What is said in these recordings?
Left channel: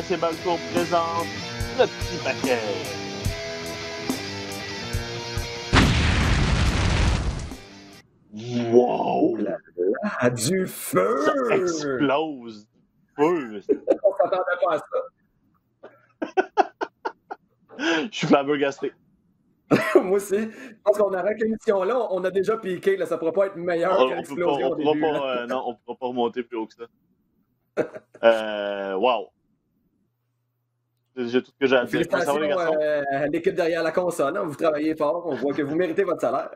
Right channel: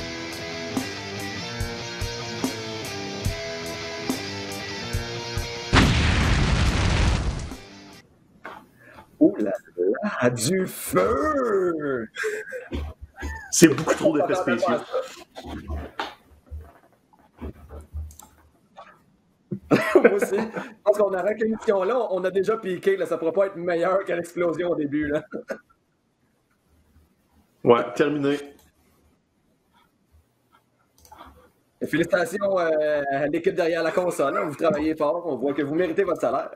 RDS et Balco présente le petit paquet. Wow! Oh là là, du feu! Ça explose! C'est beaucoup trop d'effets spéciaux. Je suis flabbergasté. Moi aussi. Je pense qu'on arrête l'émission-là. On a déjà piqué. Là, ça ne pourra pas être meilleur que l'explosion au début. Non, on ne pourra pas remonter plus haut que ça. Ouais, terminé. Wow! C'est tout ce que j'ai à dire. Félicitations à l'équipe derrière la console. Hein. Vous travaillez fort. On voit que vous méritez votre salaire.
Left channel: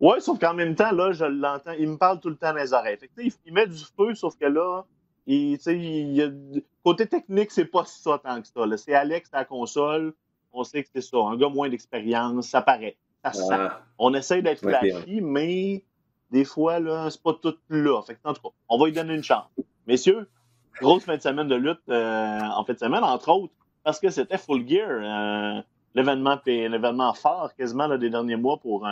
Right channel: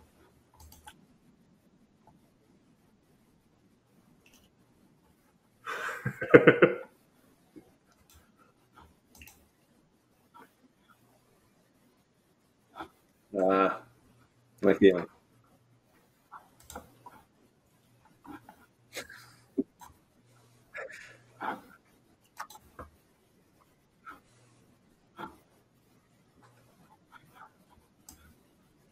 Oui, sauf qu'en même temps, là, je l'entends. Il me parle tout le temps dans les oreilles. Fait que, il met du feu, sauf que là, côté technique, c'est pas ça tant que ça. Là. C'est Alex à la console. On sait que c'est ça. Un gars moins d'expérience, ça paraît. Ça se sent. On essaie d'être flashy, mais des fois, là, c'est pas tout là. Fait que, en tout cas, on va lui donner une chance. Messieurs, grosse fin de semaine de lutte en fin de semaine, entre autres, parce que c'était Full Gear, l'événement phare quasiment là, des derniers mois pour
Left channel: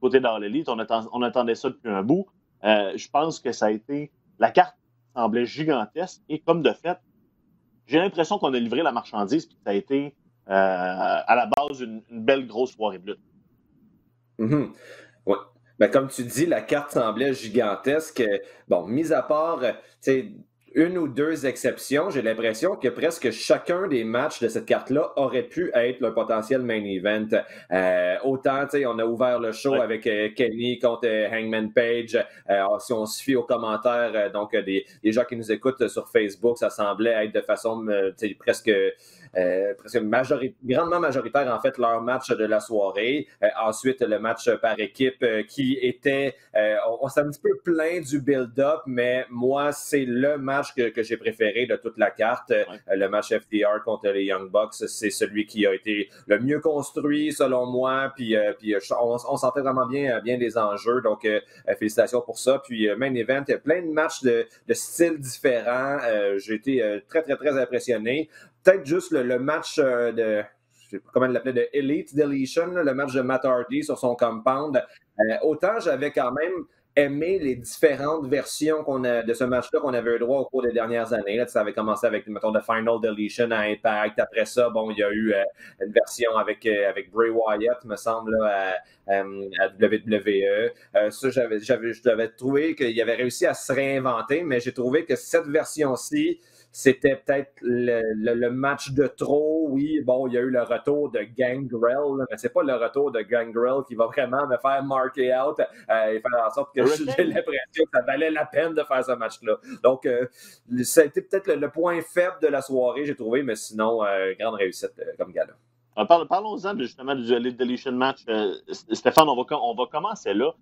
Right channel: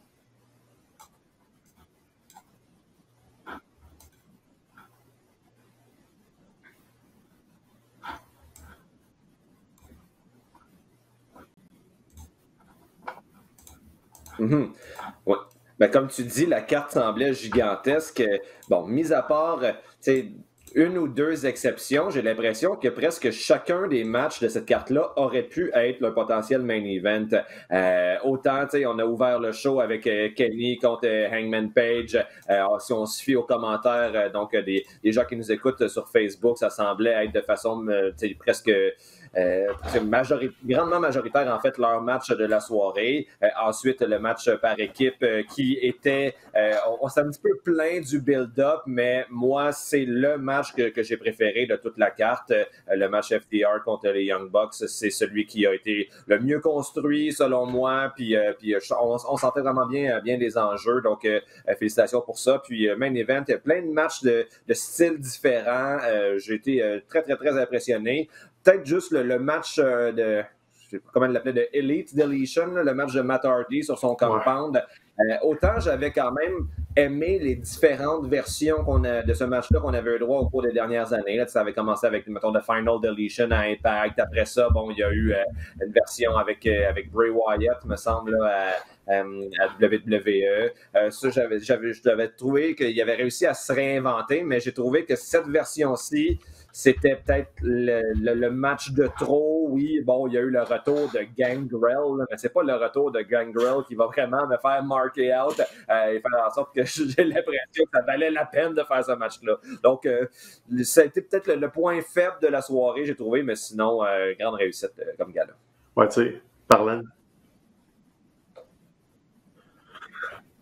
côté d'All Elite. On attendait ça depuis un bout. Je pense que ça a été... La carte semblait gigantesque et comme de fait, j'ai l'impression qu'on a livré la marchandise puis que ça a été à la base une belle grosse soirée de lutte. Ouais. Ben, comme tu dis, la carte semblait gigantesque. Bon, mis à part une ou deux exceptions, j'ai l'impression que presque chacun des matchs de cette carte-là aurait pu être le potentiel main event. Autant, on a ouvert le show avec Kenny contre Hangman Page. Si on se fie aux commentaires donc des gens qui nous écoutent sur Facebook, ça semblait être de façon presque grandement majoritaire, en fait, leur match de la soirée. Ensuite, le match par équipe qui était... on s'est un petit peu plaint du build-up, mais moi, c'est le match que j'ai préféré de toute la carte. Le match FTR contre les Young Bucks, c'est celui qui a été le mieux construit, selon moi. Puis on sentait vraiment bien les enjeux. Donc, félicitations pour ça. Puis, main event, plein de matchs de styles différents. J'ai été très, très, très impressionné. Peut-être juste le match de... Je sais pas comment il l'appelait, de Elite Deletion, le match de Matt Hardy sur son compound. Autant j'avais quand même aimé les différentes versions de ce match-là qu'on avait eu droit au cours des dernières années. Là, ça avait commencé avec, mettons, The Final Deletion à Impact. Après ça, bon, il y a eu une version avec Bray Wyatt, me semble, là, à WWE. Ça, j'avais trouvé qu'il avait réussi à se réinventer, mais j'ai trouvé que cette version-ci, c'était peut-être le match de trop. Oui, bon, il y a eu le retour de Gangrel, mais c'est pas le retour de Gangrel qui va vraiment me faire marquer out et faire en sorte que j'ai l'impression que ça valait la peine de faire ce match-là. Donc, ça a été peut-être le point faible de la soirée, j'ai trouvé, mais sinon, grande réussite comme gala. Parlons-en justement du Elite Deletion match. Stéphane, on va commencer là.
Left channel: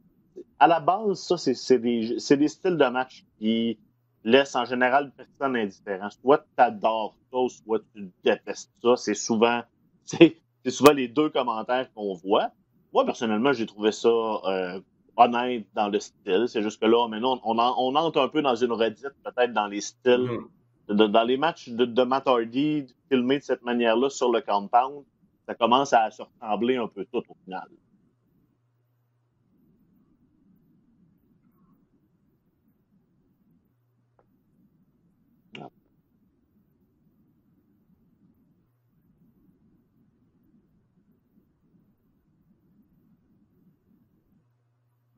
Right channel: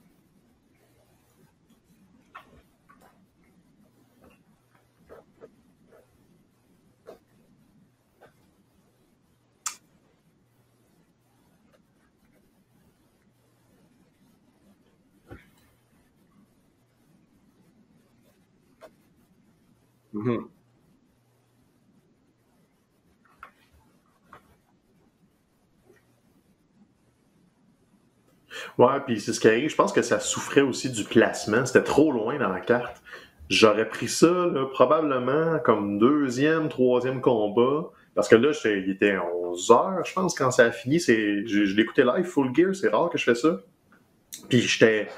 À la base, ça, c'est des styles de match qui laisse en général personne indifférent. Soit tu adores ça, soit tu détestes ça. C'est souvent les deux commentaires qu'on voit. Moi, personnellement, j'ai trouvé ça honnête dans le style. C'est juste que là, maintenant, on entre un peu dans une redite, peut-être dans les styles. Dans les matchs de Matt Hardy filmés de cette manière-là sur le compound, ça commence à se ressembler un peu tout au final. Ouais, puis c'est ce qui arrive. Je pense que ça souffrait aussi du placement. C'était trop loin dans la carte. J'aurais pris ça là, probablement comme deuxième, troisième combat. Parce que là, il était 11h, je pense, quand ça a fini. Je l'écoutais live, Full Gear, c'est rare que je fais ça. Puis j'étais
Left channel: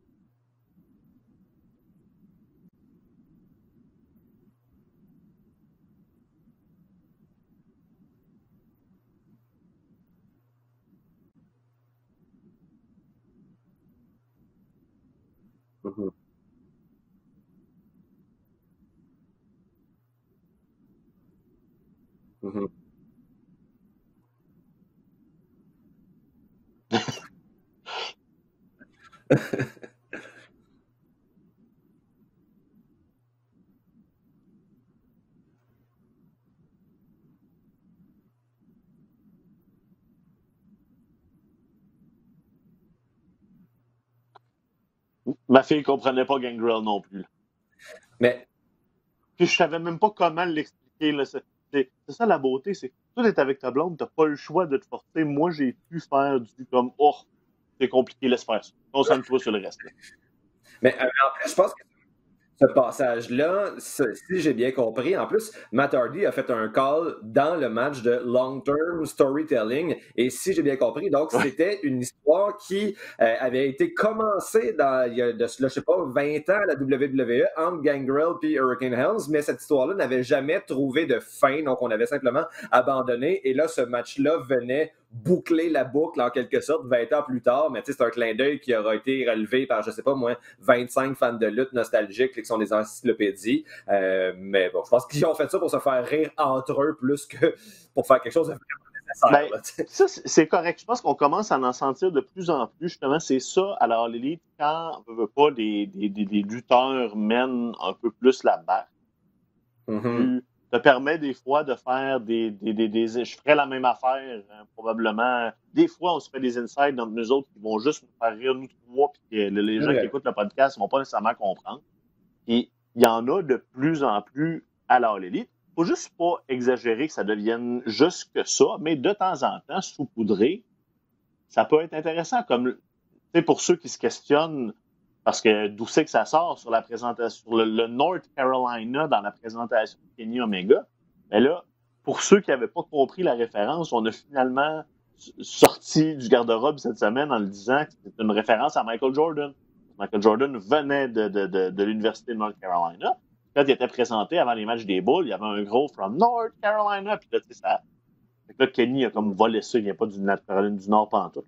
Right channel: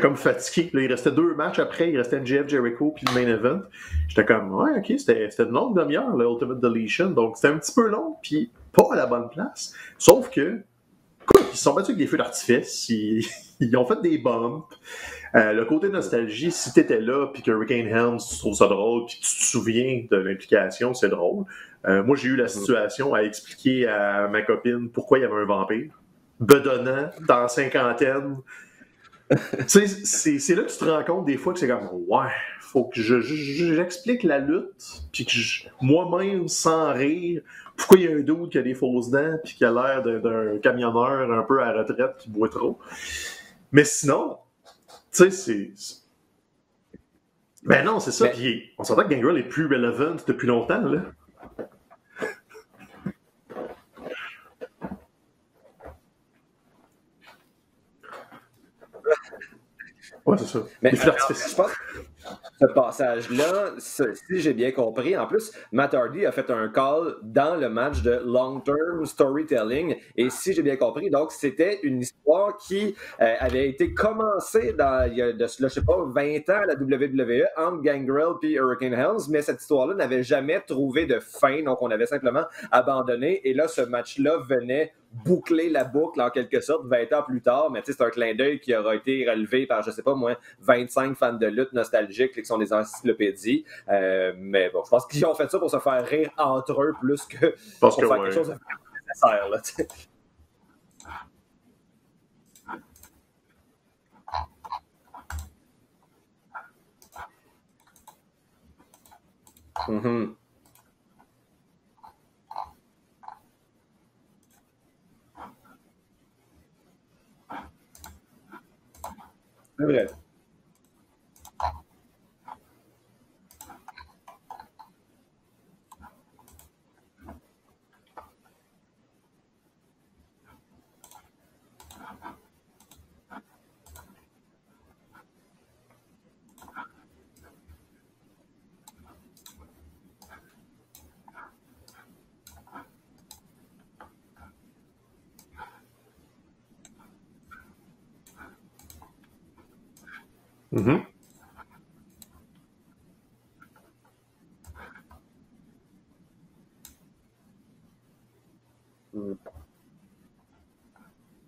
comme fatigué. Là, il restait 2 matchs après, il restait MJF, Jericho, puis le main event. J'étais comme, ouais, ok, c'était une longue demi-heure, le Ultimate Deletion. Donc c'était un petit peu long, puis pas à la bonne place. Sauf que, écoute, ils se sont battus avec des feux d'artifice, ils ont fait des bumps. Le côté nostalgie, si t'étais là, puis que Hurricane Helms, tu trouves ça drôle, puis que tu te souviens de l'implication, c'est drôle. Moi, j'ai eu la situation à expliquer à ma copine pourquoi il y avait un vampire. Bedonnant, dans la cinquantaine. Tu sais, c'est là que tu te rends compte des fois que c'est comme, ouais, faut que j'explique la lutte, puis que moi-même, sans rire, pourquoi il y a un dude qui a des fausses dents, puis qui a l'air d'un camionneur un peu à la retraite qui boit trop. Mais sinon... Ma fille ne comprenait pas Gangrel non plus. Ben non, c'est ça. Puis on s'entend que Gangrel est plus relevant depuis longtemps. Là. C'est ça la beauté. C'est toi, t'es avec ta blonde, t'as pas le choix de te porter. Moi, j'ai pu faire du comme c'est compliqué, laisse faire ça. Concentre-toi sur le reste. Ouais, c'est ça. Mais je pense ce passage-là, si j'ai bien compris, en plus, Matt Hardy a fait un call dans le match de long-term storytelling. Et si j'ai bien compris, donc c'était une histoire qui avait été commencée il y a je sais pas, 20 ans à la WWE entre Gangrel et Hurricane Helms, mais cette histoire-là n'avait jamais trouvé de fin, donc on avait simplement abandonné. Et là, ce match-là venait boucler la boucle en quelque sorte 20 ans plus tard, mais c'est un clin d'œil qui aura été relevé par, je sais pas moi, 25 fans de lutte nostalgiques qui sont des encyclopédies. Mais bon, je pense qu'ils ont fait ça pour se faire rire entre eux plus que pour faire quelque chose de nécessaire. Ça, c'est correct. Je pense qu'on commence à en sentir de plus en plus. Justement, c'est ça. Alors, l'élite, quand on ne veut pas des lutteurs mènent un peu plus la balle, ça permet des fois de faire je ferais la même affaire, probablement. Des fois, on se fait des insides entre nous autres qui vont juste faire rire nous trois, puis les gens qui écoutent le podcast ne vont pas nécessairement comprendre. Et il y en a de plus en plus à l'All Elite. Il ne faut juste pas exagérer que ça devienne juste que ça, mais de temps en temps, saupoudrer, ça peut être intéressant. Comme pour ceux qui se questionnent, parce que d'où c'est que ça sort sur la présentation, sur le North Carolina dans la présentation de Kenny Omega. Mais là, pour ceux qui n'avaient pas compris la référence, on a finalement sorti du garde-robe cette semaine en le disant que c'était une référence à Michael Jordan. Michael Jordan venait de l'Université de North Carolina. Quand il était présenté avant les matchs des Bulls, il y avait un gros « From North Carolina ». Puis là, tu sais, ça... Là, Kenny a comme volé ça. Il vient pas du Caroline du Nord pantoute.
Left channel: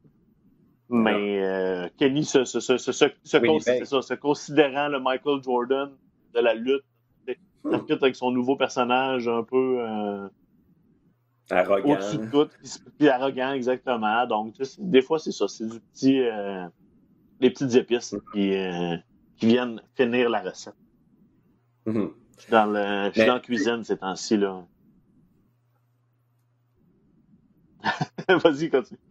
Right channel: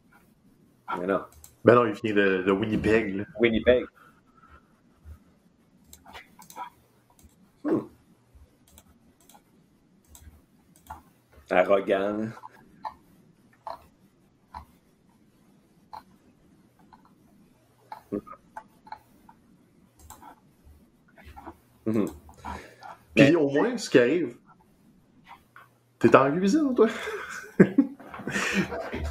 Mais non, il Kenny, se considérant le Michael Jordan de la lutte, peut-être avec son nouveau personnage un peu arrogant. Puis arrogant, exactement. Donc, des fois, c'est ça. C'est du petit, les petites épices qui viennent finir la recette. Dans la cuisine, c'est ainsi là. T'es en cuisine, toi? Vas-y, continue.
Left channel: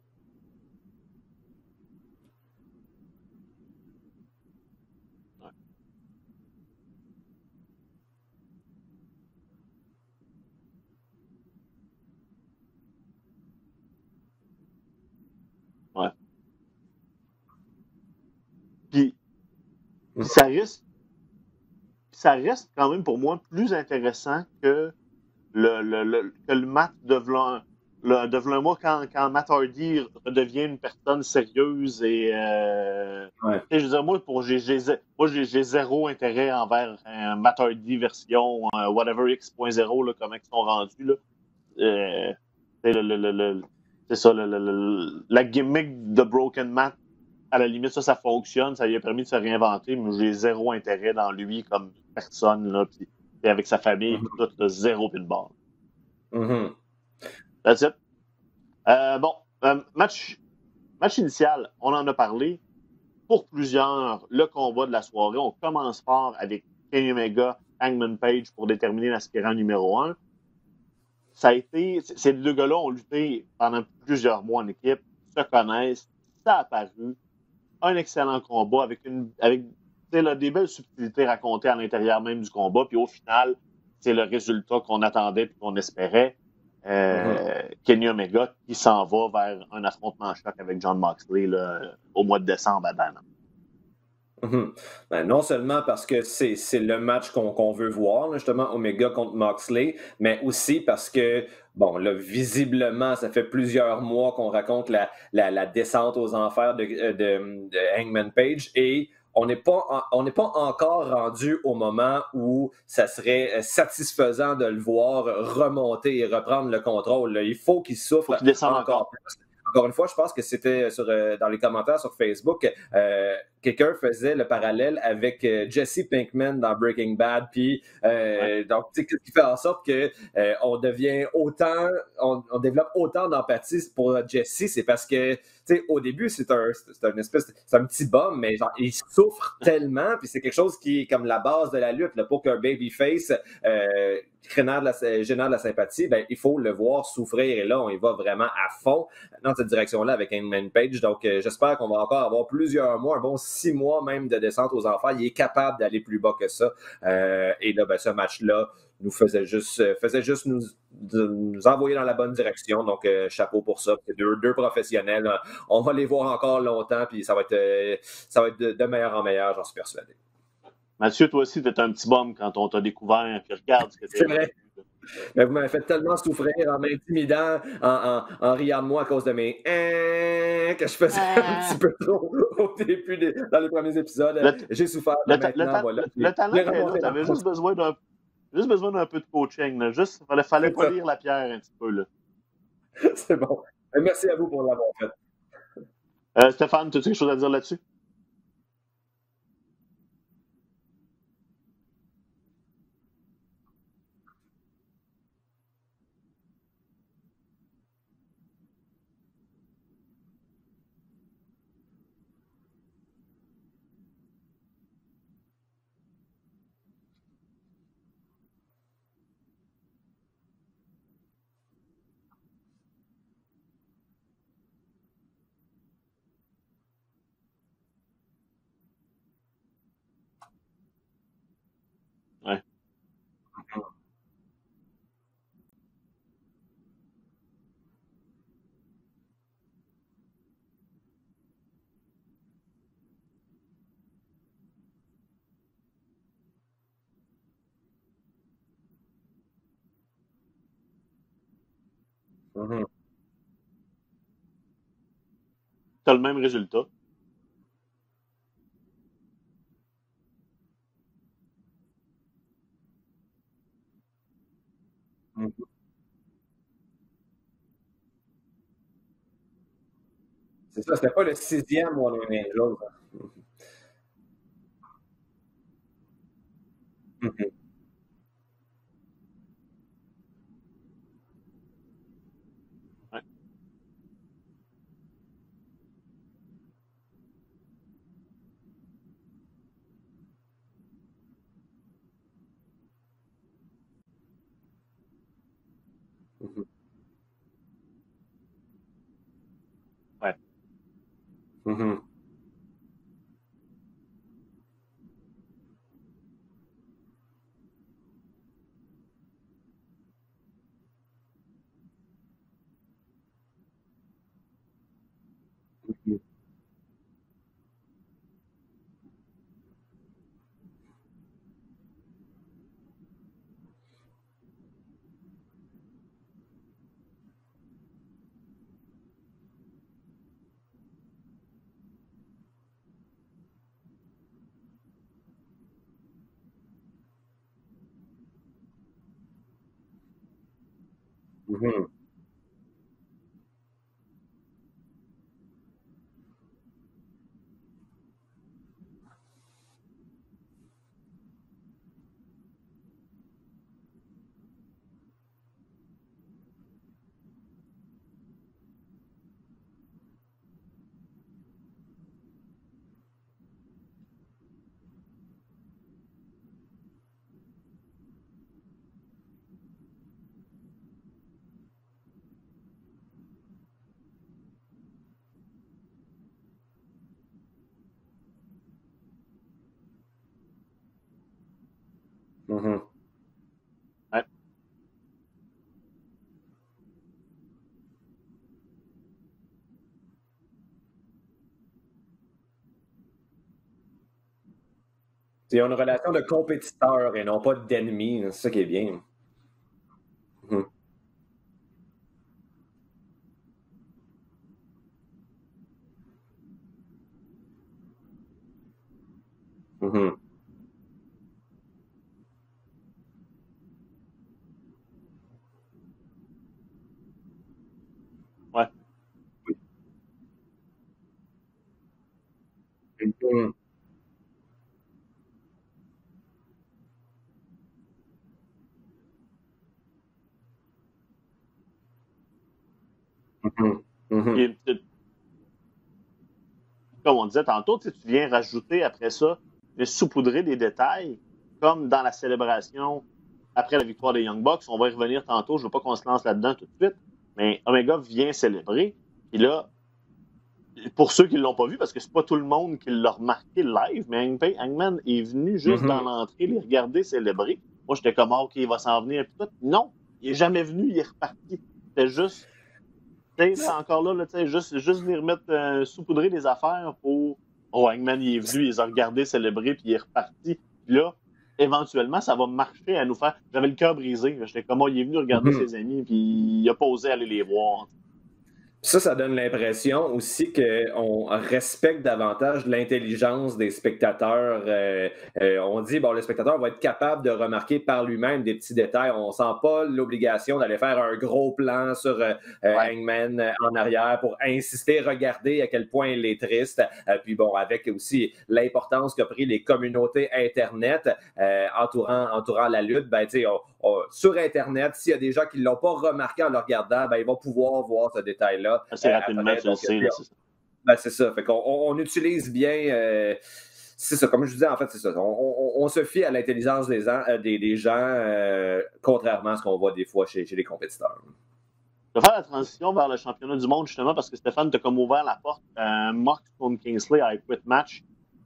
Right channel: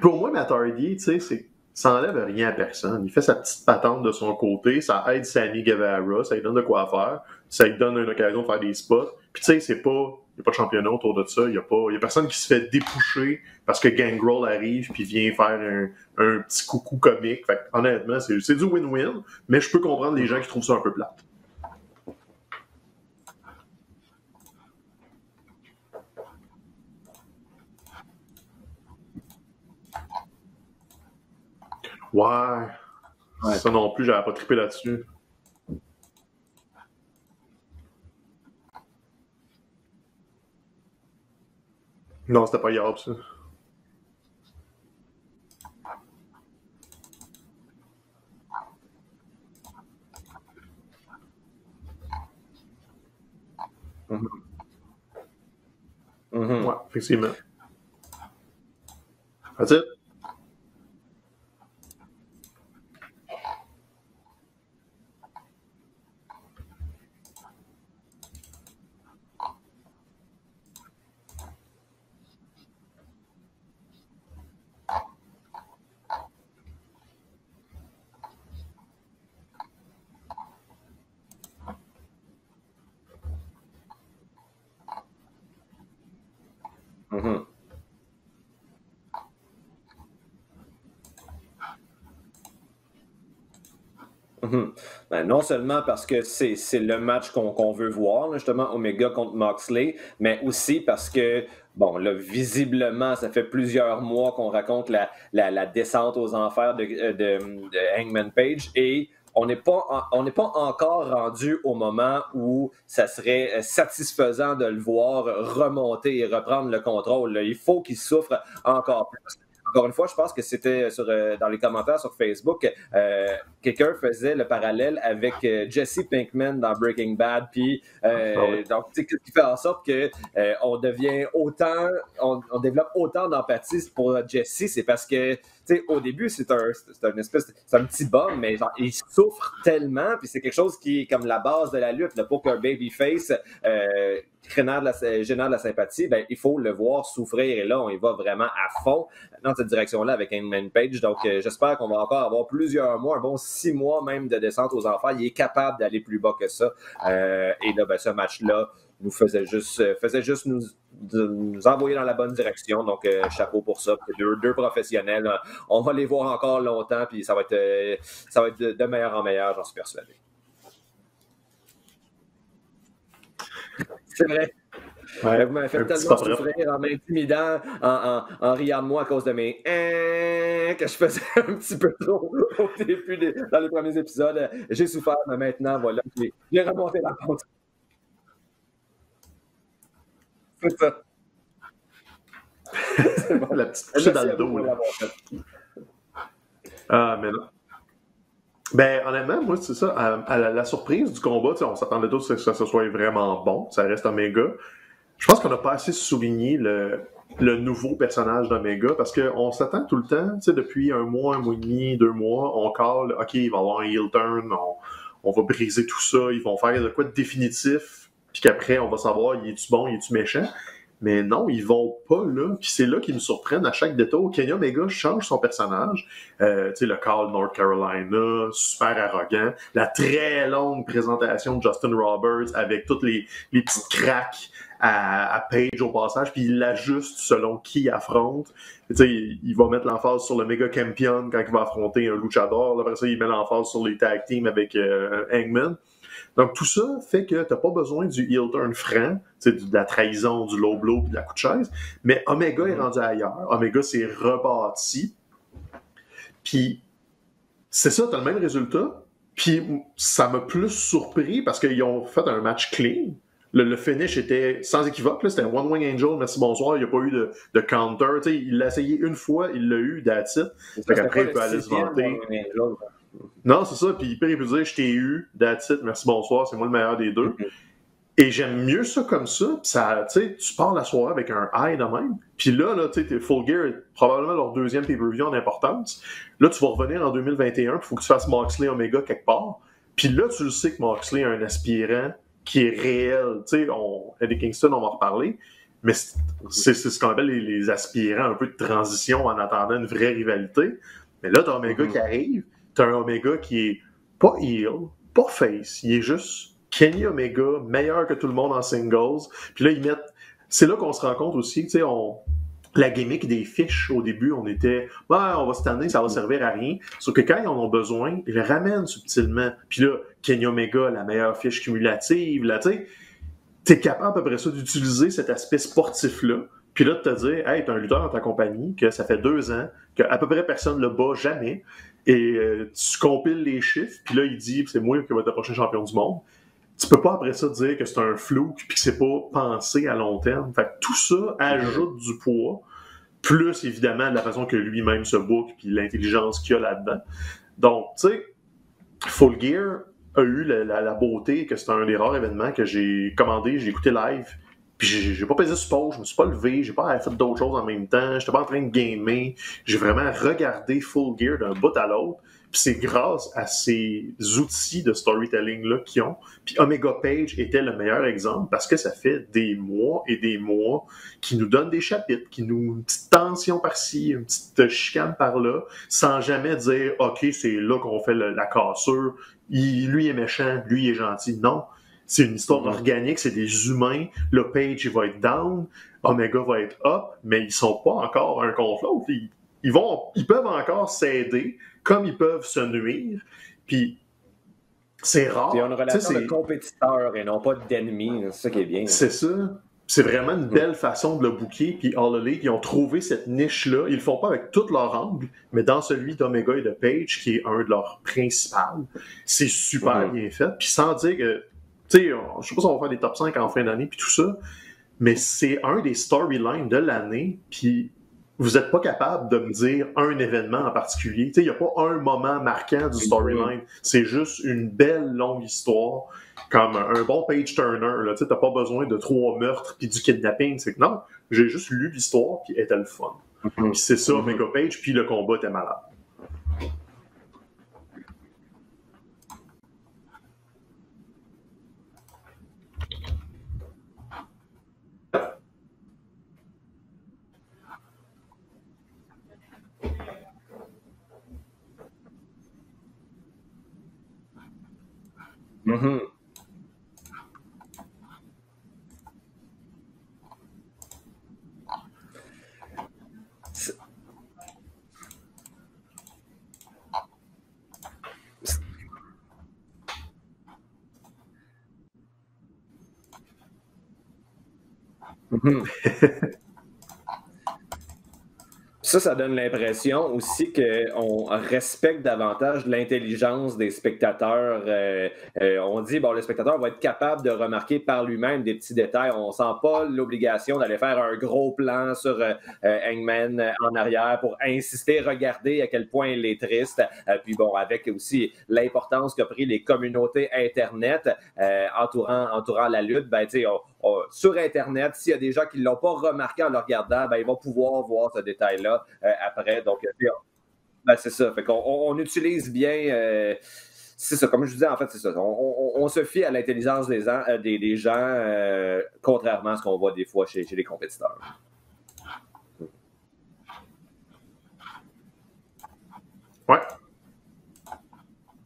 Pour moi, Matt Hardy, tu sais, ça n'enlève rien à personne. Il fait sa petite patente de son côté, ça aide Sammy Guevara, ça lui donne de quoi faire, ça lui donne une occasion de faire des spots. Puis tu sais, il n'y a pas de championnat autour de ça, il n'y a personne qui se fait dépoucher parce que Gangrel arrive puis vient faire un petit coucou comique. Fait honnêtement, c'est du win-win, mais je peux comprendre les gens qui trouvent ça un peu plate. Ça reste quand même pour moi plus intéressant que le match de v'là un mois quand Matt Hardy devient une personne sérieuse et moi j'ai zéro intérêt envers un Matt Hardy version whatever X.0 là, comment ils sont rendus là. Non, c'était pas hier. C'est ça, la gimmick de Broken Matt, à la limite ça fonctionne, ça lui a permis de se réinventer, mais j'ai zéro intérêt dans lui comme personne là, puis avec sa famille, tout zéro pin barre. Ouais, effectivement. That's it. Match initial, on en a parlé. Pour plusieurs, le combat de la soirée, on commence fort avec Kenny Omega, Hangman Page pour déterminer l'aspirant numéro 1. Ça a été, ces deux gars-là ont lutté pendant plusieurs mois en équipe, se connaissent, ça a paru. Un excellent combat avec des belles subtilités racontées à l'intérieur même du combat, puis au final, c'est le résultat qu'on attendait et qu'on espérait. Kenny Omega qui s'en va vers un affrontement choc avec Jon Moxley là, au mois de décembre à Dana. Ben, non seulement parce que c'est le match qu'on veut voir, là, justement, Omega contre Moxley, mais aussi parce que, bon, là, visiblement, ça fait plusieurs mois qu'on raconte la descente aux enfers de Hangman Page et on n'est pas encore rendu au moment où ça serait satisfaisant de le voir remonter et reprendre le contrôle. Là. Il faut qu'il souffre encore plus. Encore une fois, je pense que c'était dans les commentaires sur Facebook, quelqu'un faisait le parallèle avec Jesse Pinkman dans Breaking Bad, puis donc ce qui fait en sorte que on développe autant d'empathie pour Jesse, c'est parce que au début c'est un petit bum, mais genre, il souffre tellement, puis c'est quelque chose qui est comme la base de la lutte, là, pour qu'un babyface génère de la sympathie, ben, il faut le voir souffrir, et là on y va vraiment à fond dans cette direction-là avec Hangman Page. Donc j'espère qu'on va encore avoir plusieurs mois, un bon 6 mois même de descente aux enfers. Il est capable d'aller plus bas que ça. Et là, ben, ce match-là nous faisait juste nous envoyer dans la bonne direction. Donc chapeau pour ça. Deux professionnels. On va les voir encore longtemps, puis ça va être de meilleur en meilleur, j'en suis persuadé. Mathieu, toi aussi, t'es un petit bum quand on t'a découvert cette carte. C'est vrai. Ouais, vous m'avez fait tellement souffrir en m'intimidant, en riant de moi à cause de mes que je faisais un petit peu trop au début dans les premiers épisodes. J'ai souffert, mais maintenant, voilà. Le talent, t'avais juste besoin d'un peu de coaching. Là. Juste, fallait polir la pierre un petit peu. Là. C'est bon. Merci à vous pour l'avoir fait. Stéphane, tu as quelque chose à dire là-dessus? Ben, honnêtement, moi, c'est ça. À la surprise du combat, on s'attendait tous que ça soit vraiment bon. Ça reste Omega. Je pense qu'on n'a pas assez souligné le nouveau personnage d'Omega parce qu'on s'attend tout le temps, depuis un mois et demi, 2 mois, on call, OK, il va y avoir un heel turn, on va briser tout ça, ils vont faire de quoi de définitif, puis qu'après, on va savoir, il est-tu bon, il est-tu méchant? Mais non, ils vont pas là. Puis c'est là qu'ils nous surprennent à chaque détour. Kenny Omega change son personnage. Le Carl North Carolina, super arrogant. La très longue présentation de Justin Roberts avec toutes les petites craques à Page au passage. Puis il l'ajuste selon qui il affronte. Il va mettre l'emphase sur le Mega Champion quand il va affronter un luchador. Après ça, il met l'emphase sur les tag teams avec Hangman. Donc, tout ça fait que tu n'as pas besoin du heel turn franc, de la trahison, du low blow et de la coup de chaise, mais Omega est rendu ailleurs. Omega s'est rebâti. Tu as le même résultat. C'est ça, tu as le même résultat. Puis, ça m'a plus surpris parce qu'ils ont fait un match clean. Le finish était sans équivoque. C'était One Wing Angel, merci, bonsoir. Il n'y a pas eu de counter. Il l'a essayé une fois, il l'a eu, that's it. C'était pas le 6e One Wing Angel. Non, c'est ça. Puis il peut dire, je t'ai eu, that's it, merci, bonsoir, c'est moi le meilleur des deux. Et j'aime mieux ça comme ça. Tu pars la soirée avec un high de même. Puis là tu sais, Full Gear est probablement leur 2e pay-per-view en importance. Là, tu vas revenir en 2021, il faut que tu fasses Moxley Omega quelque part. Puis là, tu le sais que Moxley a un aspirant qui est réel. Tu sais, Eddie Kingston, on va en reparler. Mais c'est ce qu'on appelle les aspirants, un peu de transition en attendant une vraie rivalité. Mais là, t'as Omega qui arrive. T'as un Omega qui est pas heel, pas face. Il est juste Kenny Omega, meilleur que tout le monde en singles. Puis là, ils mettent... C'est là qu'on se rend compte aussi, tu sais, la gimmick des fiches, au début, on était « on va se tanner, ça va servir à rien ». Sauf que quand ils en ont besoin, ils le ramènent subtilement. Puis là, Kenny Omega, la meilleure fiche cumulative, là, tu sais, t'es capable à peu près ça d'utiliser cet aspect sportif-là. Puis là, de te dire « Hey, t'as un lutteur dans ta compagnie, que ça fait 2 ans, qu'à peu près personne ne le bat jamais. » Et tu compiles les chiffres, puis là, il dit c'est moi qui vais être le prochain champion du monde. Tu peux pas après ça dire que c'est un flou puis que c'est pas pensé à long terme. Fait que tout ça ajoute du poids, plus évidemment de la façon que lui-même se book puis l'intelligence qu'il y a là-dedans. Donc, tu sais, Full Gear a eu la beauté que c'est un des rares événements que j'ai commandé, j'ai écouté live. Puis j'ai pas pesé sur pause, je me suis pas levé, j'ai pas fait d'autres choses en même temps, j'étais pas en train de gamer. J'ai vraiment regardé Full Gear d'un bout à l'autre. Puis c'est grâce à ces outils de storytelling-là qu'ils ont. Puis Omega Page était le meilleur exemple parce que ça fait des mois et des mois qu'ils nous donnent des chapitres, une petite tension par-ci, une petite chicane par-là, sans jamais dire « OK, c'est là qu'on fait la cassure, lui est méchant, lui est gentil ». Non. C'est une histoire organique, c'est des humains. Le Page, il va être down, Omega va être up, mais ils sont pas encore un contre l'autre. Ils peuvent encore s'aider, comme ils peuvent se nuire. Puis, c'est rare. Il y a une relation de compétiteur et non pas d'ennemi. C'est ça qui est bien. C'est ça. C'est vraiment une belle façon de le booker. Puis All Elite, ils ont trouvé cette niche-là. Ils le font pas avec tout leur angle, mais dans celui d'Omega et de Page, qui est un de leurs principaux, c'est super bien fait. Puis sans dire que je sais pas si on va faire des top 5 en fin d'année puis tout ça, mais c'est un des storylines de l'année, puis vous n'êtes pas capable de me dire un événement en particulier. Il n'y a pas un moment marquant du storyline. C'est juste une belle longue histoire, comme un bon page-turner. Tu n'as pas besoin de 3 meurtres puis du kidnapping. C'est que non, j'ai juste lu l'histoire puis elle était le fun. Puis c'est ça, le page puis le combat était malade. Comme on disait tantôt, tu viens rajouter après ça, saupoudrer des détails, comme dans la célébration après la victoire des Young Bucks. On va y revenir tantôt, je ne veux pas qu'on se lance là-dedans tout de suite, mais Omega vient célébrer. Et là, pour ceux qui ne l'ont pas vu, parce que c'est pas tout le monde qui l'a remarqué live, mais Hangman est venu juste dans l'entrée les regarder célébrer. Moi, j'étais comme, OK, il va s'en venir. Non, il n'est jamais venu, il est reparti. C'était juste, c'est encore là, juste venir saupoudrer des affaires pour... Oh, Hangman, il est venu, il les a regardés célébrer, puis il est reparti. Puis là, éventuellement, ça va marcher à nous faire. J'avais le cœur brisé. J'étais comme, il est venu regarder ses amis, puis il a pas osé aller les voir. Ça donne l'impression aussi qu'on respecte davantage l'intelligence des spectateurs. On dit, le spectateur va être capable de remarquer par lui-même des petits détails. On ne sent pas l'obligation d'aller faire un gros plan sur Hangman en arrière pour insister, regarder à quel point il est triste. Puis avec aussi l'importance qu'a pris les communautés Internet entourant la lutte, sur Internet, s'il y a des gens qui ne l'ont pas remarqué en le regardant, ils vont pouvoir voir ce détail-là. Après, donc, c'est ça. Fait qu'on utilise bien. C'est ça, comme je disais, en fait, c'est ça. On se fie à l'intelligence des gens, contrairement à ce qu'on voit des fois chez les compétiteurs. Je vais faire la transition vers le championnat du monde, justement, parce que Stéphane t'a comme ouvert la porte. Mark contre Kingsley à Quit Match.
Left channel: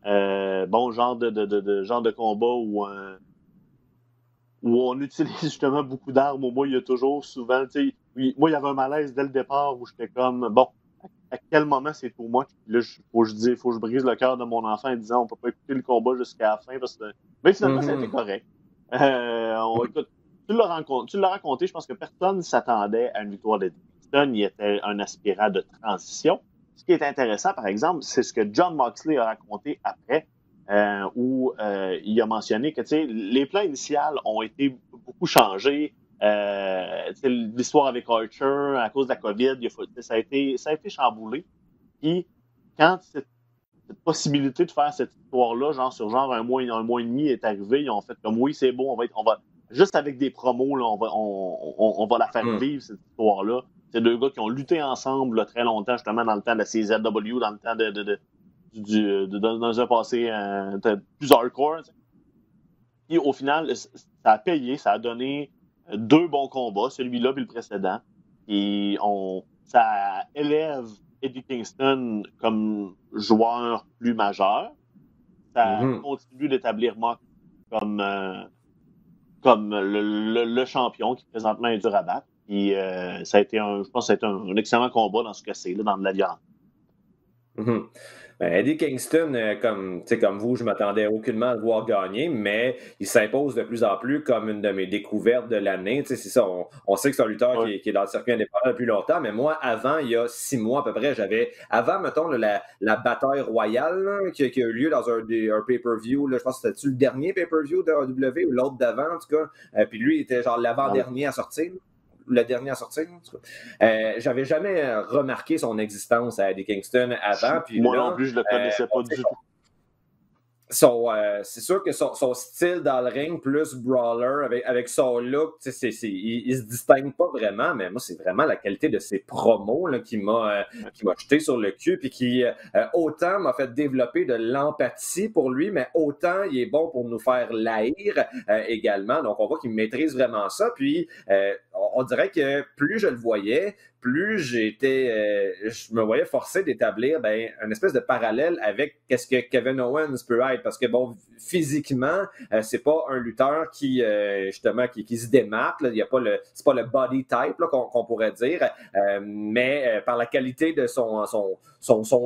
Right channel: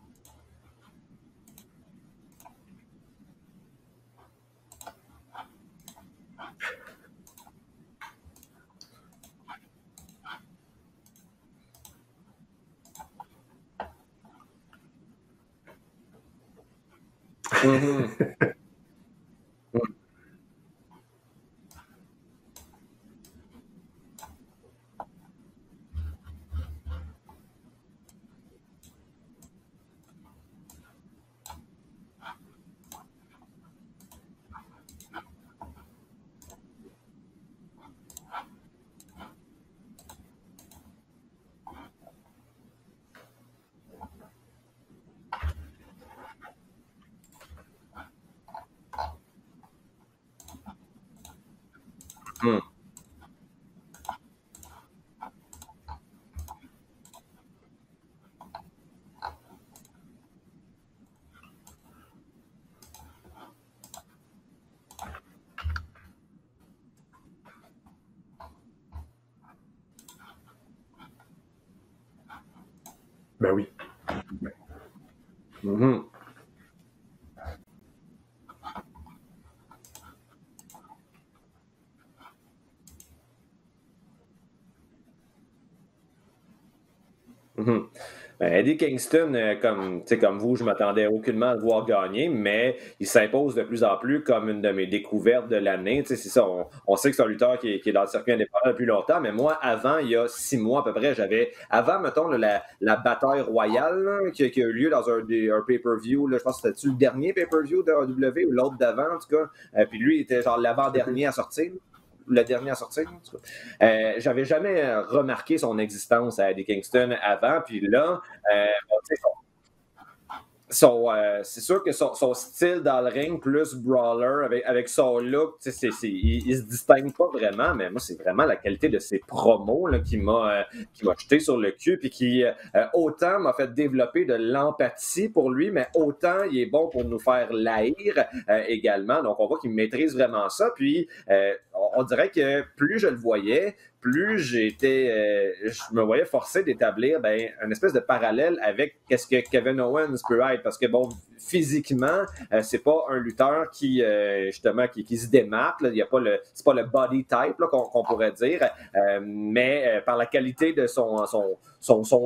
Genre de combat où on utilise justement beaucoup d'armes. Moi, il y a toujours souvent, moi, il y avait un malaise dès le départ où j'étais comme, à quel moment c'est pour moi? Là, faut que je brise le cœur de mon enfant en disant, on peut pas écouter le combat jusqu'à la fin parce que c'est correct. Tu l'as raconté, je pense que personne ne s'attendait à une victoire d'Eddie Kingston. Il était un aspirant de transition. Ce qui est intéressant, par exemple, c'est ce que Jon Moxley a raconté après. Où il a mentionné que les plans initiaux ont été beaucoup changés. L'histoire avec Archer, à cause de la COVID, ça a été chamboulé. Puis, quand cette possibilité de faire cette histoire-là, sur un mois et demi est arrivée, ils ont fait comme oui, c'est bon, on va juste avec des promos, là, on va la faire vivre, cette histoire-là. C'est deux gars qui ont lutté ensemble là, très longtemps, justement, dans le temps de la CZW, dans le temps dans un passé plus hardcore. Et au final, ça a payé, ça a donné 2 bons combats, celui-là et le précédent. Et ça élève Eddie Kingston comme joueur plus majeur. Ça continue d'établir Mock comme le champion qui présentement est dur à battre. Et je pense que ça a été un excellent combat dans ce cas-ci, dans de la violence. Eddie Kingston, comme vous, je m'attendais aucunement à le voir gagner, mais il s'impose de plus en plus comme une de mes découvertes de l'année. C'est ça, on sait que c'est un lutteur qui est dans le circuit indépendant depuis longtemps, mais moi, avant, il y a 6 mois à peu près, avant, mettons, la bataille royale là, qui a eu lieu dans un pay-per-view, là, je pense que c'était le dernier pay-per-view de AEW ou l'autre d'avant, en tout cas. Puis lui, il était genre l'avant-dernier à sortir. Le dernier à sortir. J'avais jamais remarqué son existence à Eddie Kingston avant. Puis moi là, non plus, je le connaissais pas du tout. C'est sûr que son style dans le ring, plus brawler, avec son look, il se distingue pas vraiment, mais moi, c'est vraiment la qualité de ses promos là, qui m'a jeté sur le cul, puis qui autant m'a fait développer de l'empathie pour lui, mais autant il est bon pour nous faire l'haïr également. Donc, on voit qu'il maîtrise vraiment ça. Puis, on dirait que plus je le voyais, plus je me voyais forcé d'établir une espèce de parallèle avec qu'est-ce que Kevin Owens peut être. Parce que, physiquement, c'est pas un lutteur qui, justement, qui se démarque. Là. C'est pas le body type là, qu'on pourrait dire. Mais par la qualité de son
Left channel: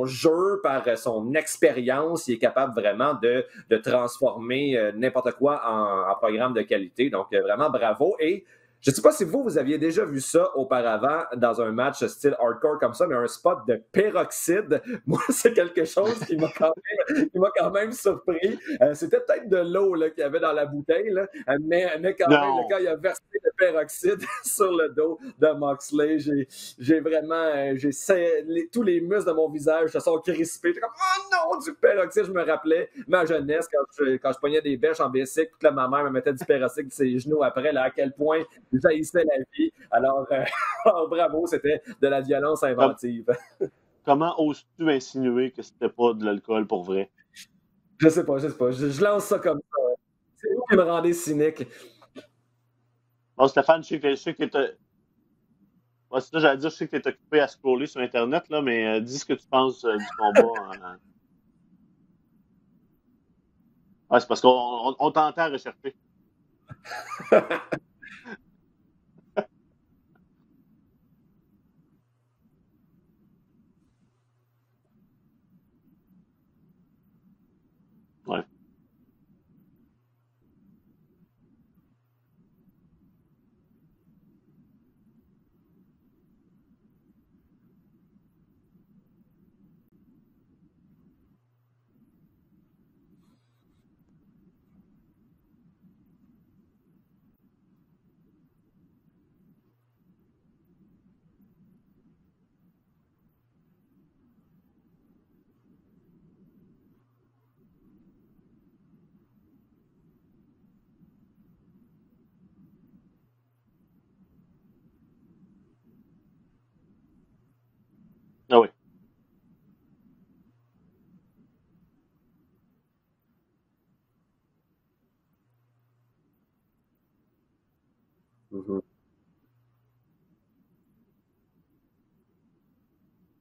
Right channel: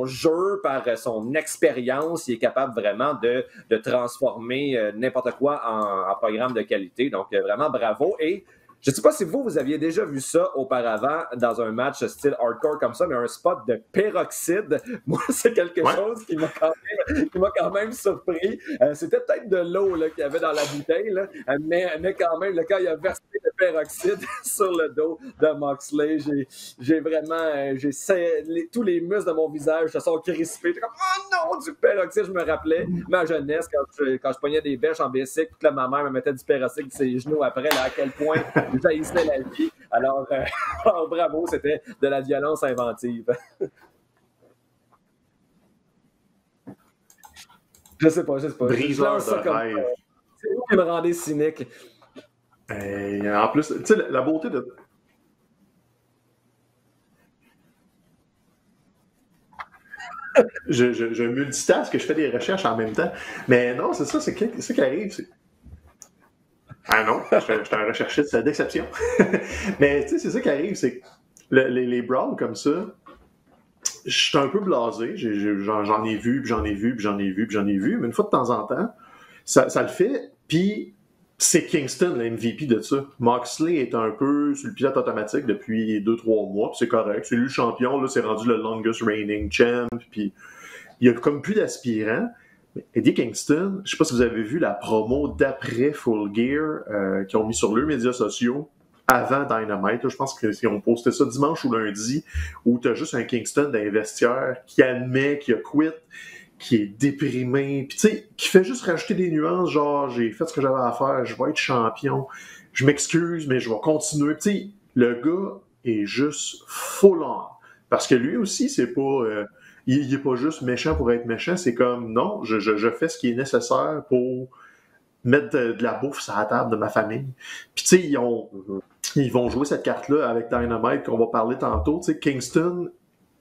jeu, par son expérience, il est capable vraiment de transformer n'importe quoi en programme de qualité. Donc, vraiment, bravo. Et je ne sais pas si vous aviez déjà vu ça auparavant dans un match style hardcore comme ça, mais un spot de peroxyde, moi, c'est quelque chose qui m'a quand même surpris. C'était peut-être de l'eau là, qu'il y avait dans la bouteille, là, mais quand même, quand il a versé le peroxyde sur le dos de Moxley, j'ai vraiment... tous les muscles de mon visage se sont crispés. J'étais comme, oh non, du peroxyde! Je me rappelais ma jeunesse quand je pognais des bêches en bicycle, puis que ma mère me mettait du peroxyde sur ses genoux après, là, à quel point j'haïssais la vie. Alors, bravo, c'était de la violence inventive. Comment oses-tu insinuer que c'était pas de l'alcool pour vrai? Je sais pas. Je lance ça comme ça. C'est vous qui me rendez cynique. J'allais dire, je sais que tu es occupé à scroller sur Internet, là, mais dis ce que tu penses du combat. Je multitask, que je fais des recherches en même temps. Mais non, c'est ça, c'est qui arrive. On t'entend rechercher. Ah non, je suis un recherchiste d'exception. Mais tu sais, c'est ça qui arrive, c'est que les brawls comme ça, je suis un peu blasé. J'en ai vu, mais une fois de temps en temps, ça le fait. Puis c'est Kingston, le MVP de ça. Moxley est un peu sur le pilote automatique depuis 2-3 mois, puis c'est correct. C'est lui le champion, là, c'est rendu le longest reigning champ, puis il y a comme plus d'aspirants. Eddie Kingston, je ne sais pas si vous avez vu la promo d'après Full Gear qu'ils ont mis sur leurs médias sociaux avant Dynamite. Là, je pense qu'ils ont posté ça dimanche ou lundi, où tu as juste un Kingston dans les vestiaires qui admet qu'il a quitté, qui est déprimé, puis tu sais, qui fait juste rajouter des nuances, genre j'ai fait ce que j'avais à faire, je vais être champion, je m'excuse, mais je vais continuer. Tu sais, le gars est juste full on. Parce que lui aussi, c'est pas. Il est pas juste méchant pour être méchant, c'est comme non, je fais ce qui est nécessaire pour mettre de la bouffe sur la table de ma famille. Puis tu sais, ils vont jouer cette carte-là avec Dynamite qu'on va parler tantôt. Tu sais, Kingston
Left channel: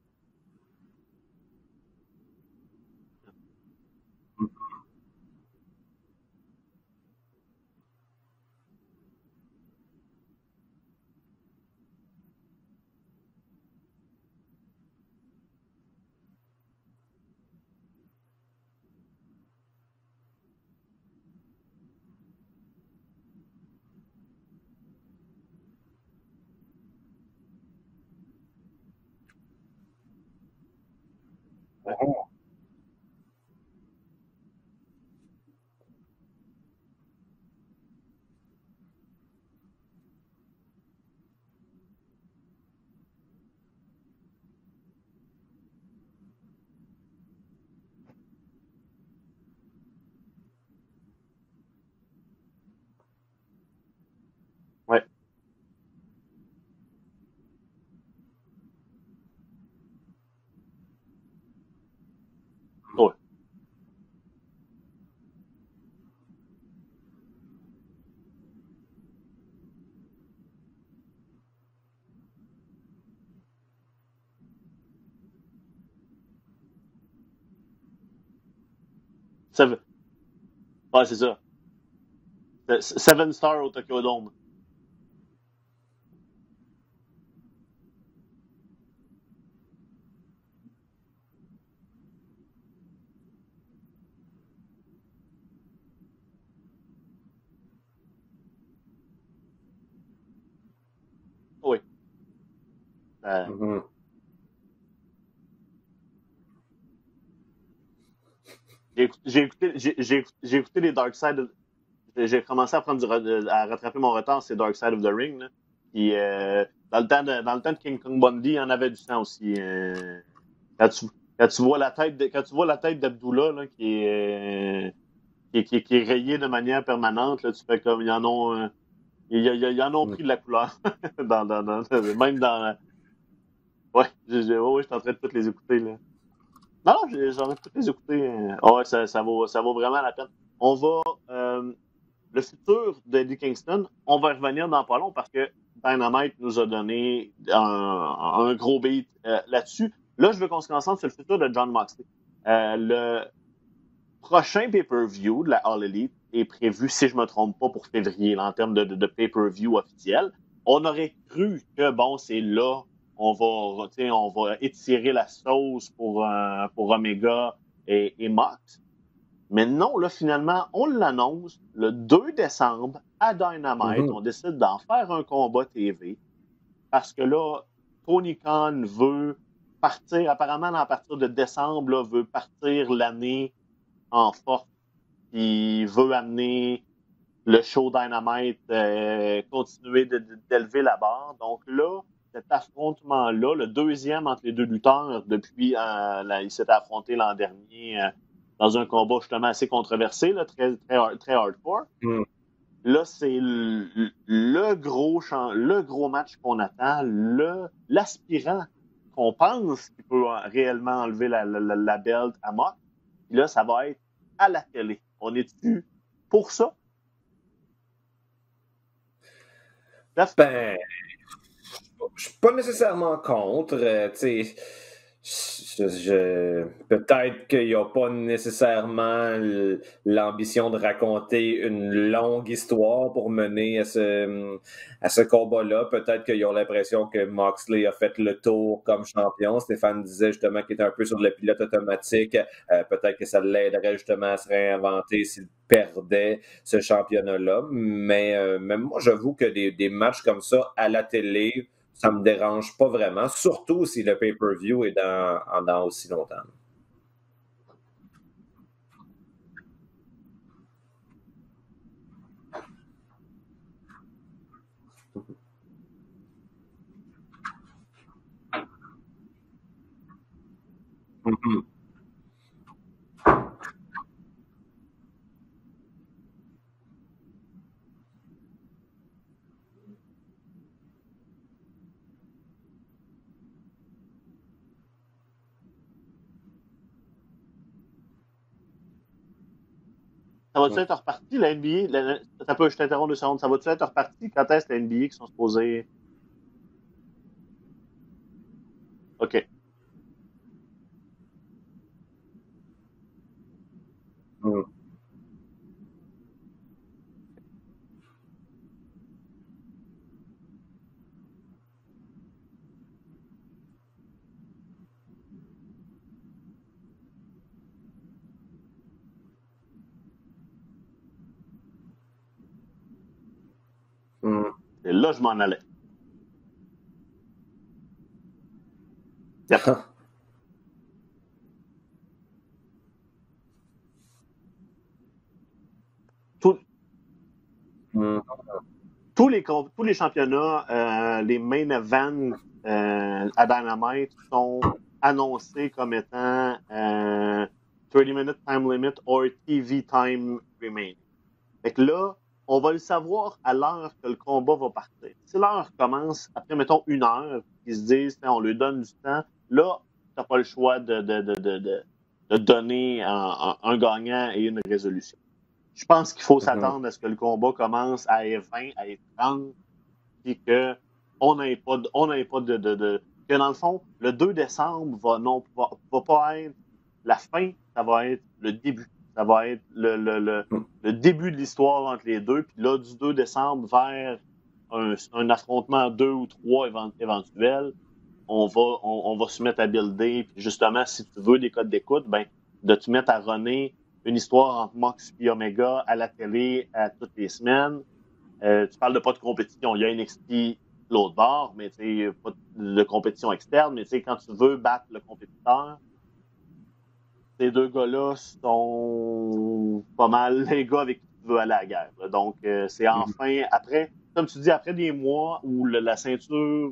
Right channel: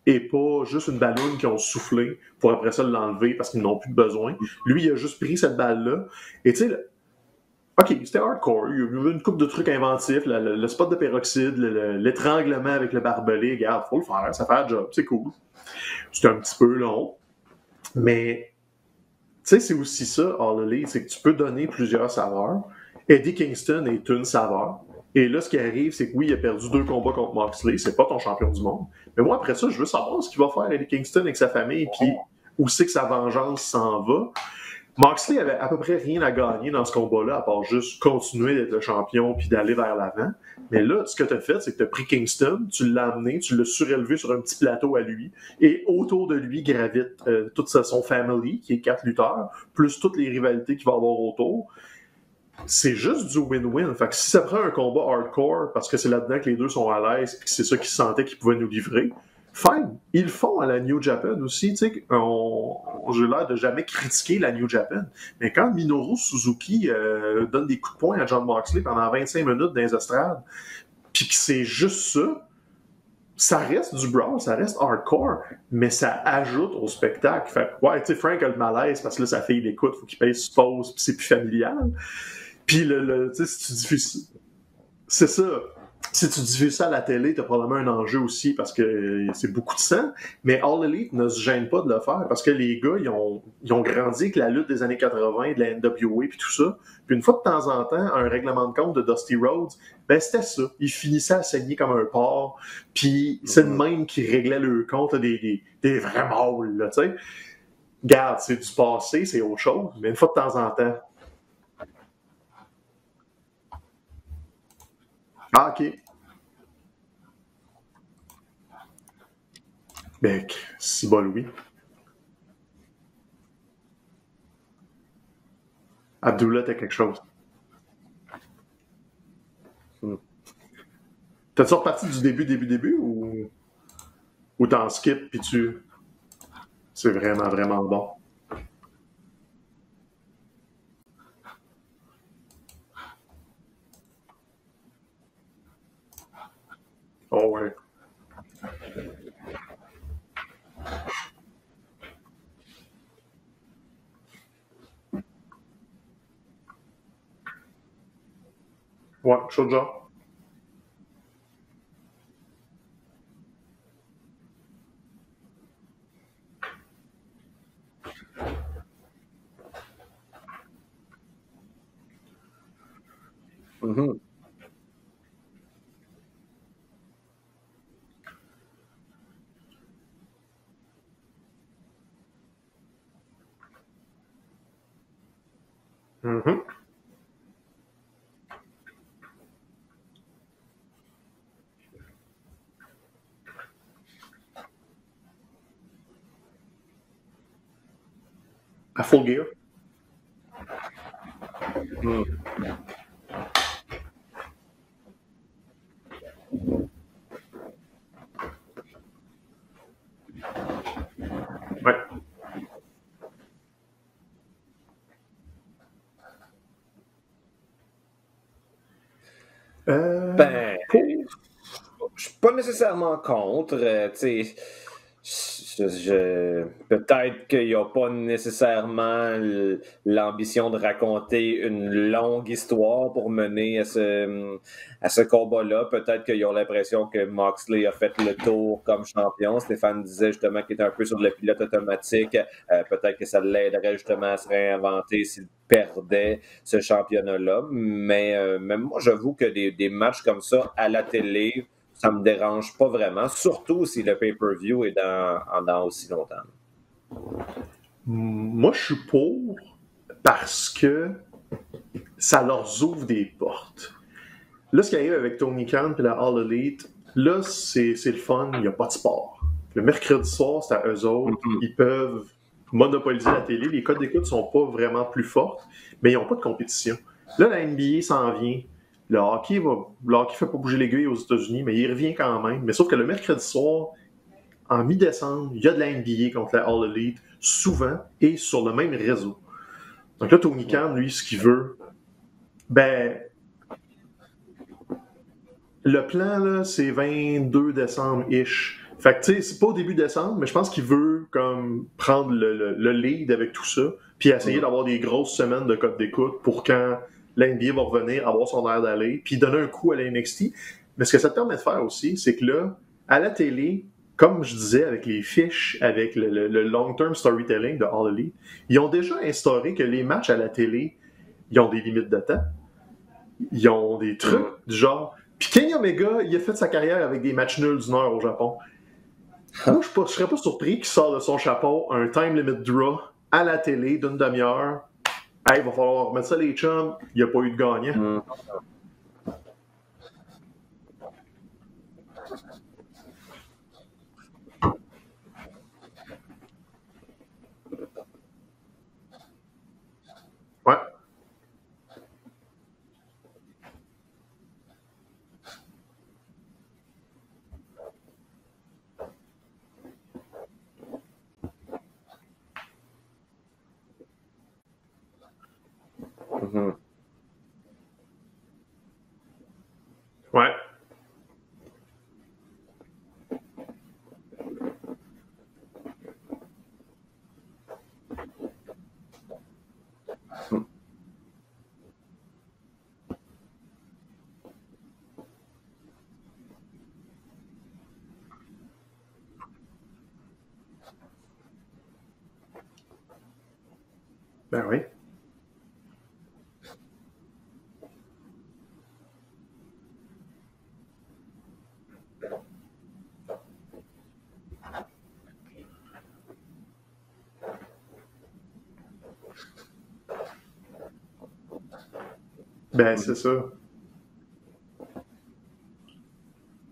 et pas juste une balloune qu'ils ont soufflé pour après ça l'enlever parce qu'ils n'ont plus de besoin. Lui, il a juste pris cette balle-là. Et tu sais, OK, c'était hardcore. Il y avait une couple de trucs inventifs, le spot de peroxyde, l'étranglement avec le barbelé. Regarde, faut le faire, ça fait le job, c'est cool. C'était un petit peu long. Mais, tu sais, c'est aussi ça, All Elite, c'est que tu peux donner plusieurs saveurs. Eddie Kingston est une saveur. Et là, ce qui arrive, c'est que oui, il a perdu 2 combats contre Moxley. C'est pas ton champion du monde. Mais moi, après ça, je veux savoir ce qu'il va faire Eddie Kingston avec sa famille, puis où c'est que sa vengeance s'en va. Moxley avait à peu près rien à gagner dans ce combat-là, à part juste continuer d'être le champion puis d'aller vers l'avant. Mais là, ce que tu as fait, c'est que tu as pris Kingston, tu l'as amené, tu l'as surélevé sur un petit plateau à lui, et autour de lui gravite toute son family, qui est 4 lutteurs, plus toutes les rivalités qu'il va avoir autour. C'est juste du win-win. Fait que si ça prend un combat hardcore, parce que c'est là-dedans que les deux sont à l'aise, puis que c'est ça qu'ils sentaient qu'ils pouvaient nous livrer, fine. Ils le font à la New Japan aussi. Tu sais, j'ai l'air de jamais critiquer la New Japan. Mais quand Minoru Suzuki donne des coups de poing à Jon Moxley pendant 25 minutes dans les estrades, puis que c'est juste ça, ça reste du brawl, ça reste hardcore, mais ça ajoute au spectacle. Fait ouais, tu sais, Frank a le malaise parce que là, sa fille l'écoute, il faut qu'il paye ses pauses, puis c'est plus familial. Puis le Seven Stars c'est ça. Si tu diffuses ça à la télé, tu as probablement un enjeu aussi parce que c'est beaucoup de sang. Mais All Elite ne se gêne pas de le faire parce que les gars, ils ont grandi avec la lutte des années 80, de la NWA puis tout ça. Puis une fois de temps en temps, un règlement de compte de Dusty Rhodes, ben c'était ça. Ils finissaient à saigner comme un porc. Puis c'est le même qui réglait le compte des vrais mâles, là, tu sais. Regarde, c'est du passé, c'est autre chose. Une fois de temps en temps. J'ai commencé à rattraper mon retard, c'est Dark Side of the Ring. Là. Ah, OK. Puis, dans le temps de King Kong Bundy, il y en avait du temps aussi. Quand tu vois la tête d'Abdullah là, qui est rayée de manière permanente, là, tu fais comme ils en ont pris de la couleur. T'as-tu reparti du début ou... Ouais. Ou t'en skip et tu... Non, c'est vraiment bon. Ouais, ça vaut vraiment la peine. On va... le futur d'Eddie Kingston, on va revenir dans pas long parce que Dynamite nous a donné un gros beat là-dessus. Là, je veux qu'on se concentre sur le futur de Jon Moxley. Le prochain pay-per-view de la All Elite est prévu, si je ne me trompe pas, pour février, là, en termes de pay-per-view officiel. On aurait cru que, bon, c'est là, on va étirer la sauce pour Omega et Mox. Mais non, là, finalement, on l'annonce le 2 décembre à Dynamite. On décide d'en faire un combat TV parce que là, Tony Khan veut partir, apparemment, à partir de décembre, là, veut partir l'année en force. Il veut amener le show Dynamite, continuer d'élever la barre. Donc là, cet affrontement-là, le deuxième entre les deux lutteurs depuis, il s'était affronté l'an dernier... dans un combat vraiment assez controversé, là, très, très, très hardcore. Là, c'est le gros match qu'on attend, l'aspirant qu'on pense qu'il peut réellement enlever la belt à Mox. Là, ça va être à la télé. On est-tu pour ça? Je suis pas nécessairement contre. Peut-être qu'il n'y a pas nécessairement l'ambition de raconter une longue histoire pour mener à ce combat-là. Peut-être qu'ils ont l'impression que Moxley a fait le tour comme champion. Stéphane disait justement qu'il était un peu sur le pilote automatique. Peut-être que ça l'aiderait justement à se réinventer s'il perdait ce championnat-là. Mais même moi, j'avoue que des matchs comme ça à la télé, ça me dérange pas vraiment, surtout si le pay-per-view est dans aussi longtemps. Moi, je suis pour parce que ça leur ouvre des portes. Là, ce qui arrive avec Tony Khan et la All Elite, là, c'est le fun, il n'y a pas de sport. Le mercredi soir, c'est à eux autres. Ils peuvent monopoliser la télé. Les codes d'écoute ne sont pas vraiment plus fortes, mais ils n'ont pas de compétition. Là, la NBA s'en vient. Le hockey ne fait pas bouger l'aiguille aux États-Unis, mais il revient quand même. Mais sauf que le mercredi soir, en mi-décembre, il y a de la NBA contre la All Elite, souvent, et sur le même réseau. Donc là, Tony Khan, lui, ce qu'il veut... Ça va-tu être reparti? Quand est-ce que la NBA qui sont supposés... Le plan, là, c'est 22 décembre-ish. Fait que, tu sais, c'est pas au début décembre, mais je pense qu'il veut comme prendre le lead avec tout ça, puis essayer d'avoir des grosses semaines de code d'écoute pour quand la NBA va revenir, avoir son air d'aller, puis donner un coup à la NXT. Mais ce que ça te permet de faire aussi, c'est que là, à la télé, comme je disais, avec les fiches, avec le long-term storytelling de All Elite, ils ont déjà instauré que les matchs à la télé, ils ont des limites de temps. Ils ont des trucs du genre... Là, je m'en allais. Kenny Omega, il a fait sa carrière avec des matchs nuls d'une heure au Japon. Moi, je ne serais pas surpris qu'il sorte de son chapeau un time limit draw à la télé d'une demi-heure. Hey, il va falloir remettre ça les chums. Il n'y a pas eu de gagnant. Tous les championnats, les main events à Dynamite sont annoncés comme étant 30-minute time limit or TV time remain. Fait que là, on va le savoir à l'heure que le combat va partir. Si l'heure commence après, mettons, 1 heure, ils se disent, on lui donne du temps, là, tu n'as pas le choix de donner un gagnant et une résolution. Je pense qu'il faut s'attendre à ce que le combat commence à F20, à F30, et qu'on n'ait pas que dans le fond, le 2 décembre va pas être la fin, ça va être le début. Ça va être le début de l'histoire entre les deux. Puis là, du 2 décembre vers un affrontement 2 ou 3 éventuel, on va se mettre à builder. Puis justement, si tu veux des codes d'écoute, ben, de te mettre à runner une histoire entre Mox et Omega à la télé à toutes les semaines. Tu parles de pas de compétition. Il y a NXT l'autre bord, mais pas de compétition externe. Mais quand tu veux battre le compétiteur, ces deux gars-là sont pas mal les gars avec qui tu veux aller à la guerre. Donc, après, comme tu dis, après des mois où la ceinture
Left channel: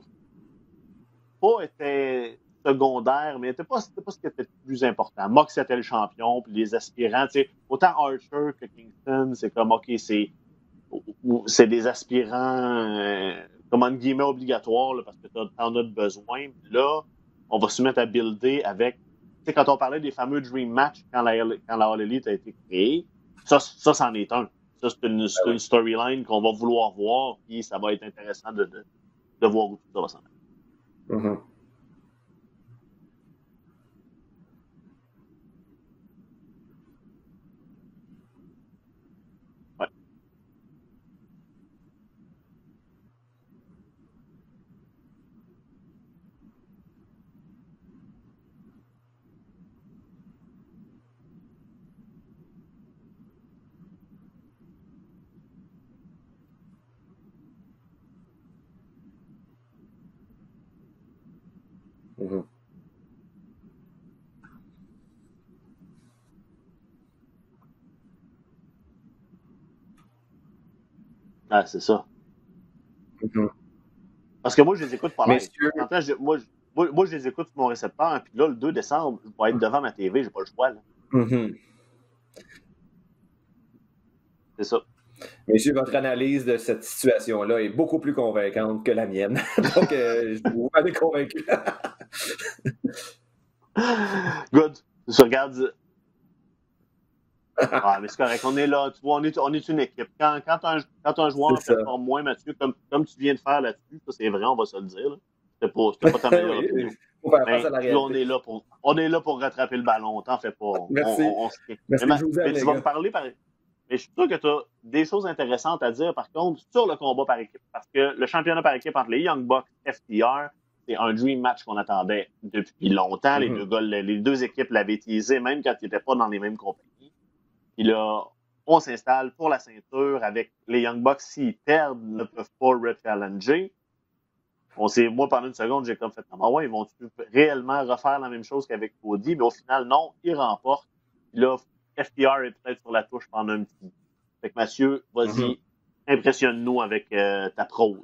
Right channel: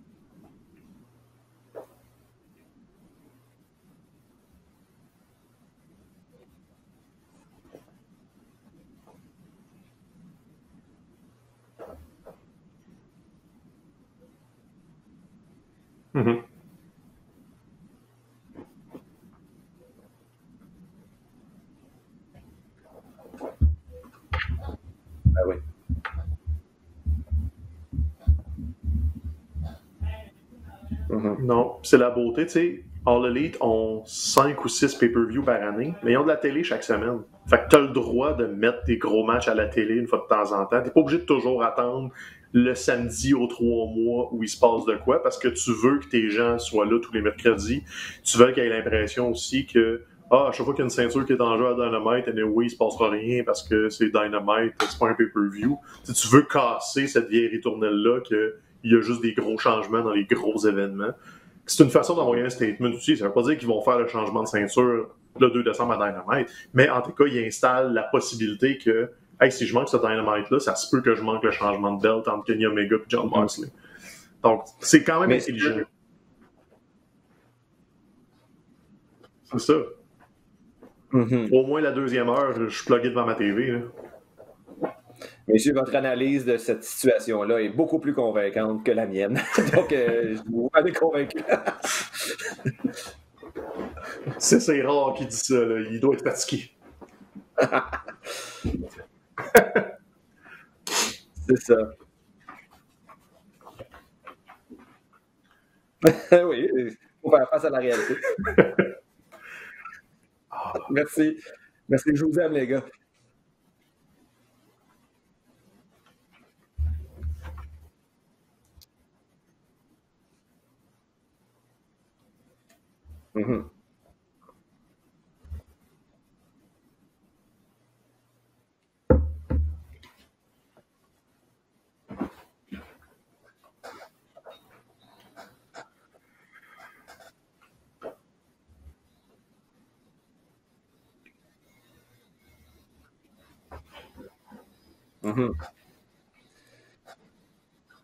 pas était secondaire, mais c'était pas ce qui était le plus important. Mox était le champion, puis les aspirants, autant Archer que Kingston, c'est comme, OK, c'est des aspirants, comme en guillemets, obligatoires, là, parce que t'en as besoin. Là, on va se mettre à builder avec... Quand on parlait des fameux Dream Match quand la All Elite a été créée, ça c'en est un. Ça, c'est une storyline qu'on va vouloir voir, et ça va être intéressant de voir où ça va s'en. Non, c'est la beauté, tu sais. All Elite ont 5 ou 6 pay-per-view par année, mais ils ont de la télé chaque semaine. Fait que t'as le droit de mettre des gros matchs à la télé une fois de temps en temps. T'es pas obligé de toujours attendre le samedi aux 3 mois où il se passe de quoi, parce que tu veux que tes gens soient là tous les mercredis. Tu veux qu'ils aient l'impression aussi que à chaque fois qu'il y a une ceinture qui est en jeu à Dynamite, anyway, il se passera rien parce que c'est Dynamite, c'est pas un pay-per-view. Tu veux casser cette vieille ritournelle-là qu'il y a juste des gros changements dans les gros événements. C'est une façon d'envoyer un statement aussi. Ça veut pas dire qu'ils vont faire le changement de ceinture le 2 décembre à Dynamite, mais en tout cas, ils installent la possibilité que hey, si je manque ce Dynamite-là, ça se peut que je manque le changement de belt entre Kenny Omega et John Moxley. Parce que moi, c'est quand même intelligent. Moi, je les écoute sur mon récepteur, puis là, le 2 décembre, je vais être devant ma TV, j'ai pas le choix. Au moins la deuxième heure, je suis plugué devant ma TV. Là. C'est ça. Messieurs, votre analyse de cette situation-là est beaucoup plus convaincante que la mienne. Donc, vous m'avez convaincu. c'est rare qu'il dise ça. Il doit être fatigué. Ah, mais c'est correct. On est là. On est une équipe. Quand un joueur performe moins, Mathieu, comme tu viens de faire là-dessus, ça c'est vrai, on va se le dire. Là. C'était pas ta meilleure. Oui, faut faire face à la réalité. On est là pour rattraper le ballon, t'en fais pas. Merci. Merci, je vous aime, les gars. Et je suis sûr que tu as des choses intéressantes à dire, par contre, sur le combat par équipe. Parce que le championnat par équipe entre les Young Bucks et FTR, c'est un dream match qu'on attendait depuis longtemps. Les deux équipes l'avaient teasé, même quand ils n'étaient pas dans les mêmes compagnies. Puis là, on s'installe pour la ceinture avec les Young Bucks. S'ils perdent, ils ne peuvent pas re-challenger. Moi, pendant une seconde, j'ai comme fait « Ah ouais, ils vont réellement refaire la même chose qu'avec Cody? » Mais au final, non, ils remportent. Puis là, FTR est peut-être sur la touche pendant un petit bout. Fait que Mathieu, vas-y, impressionne-nous avec ta prose.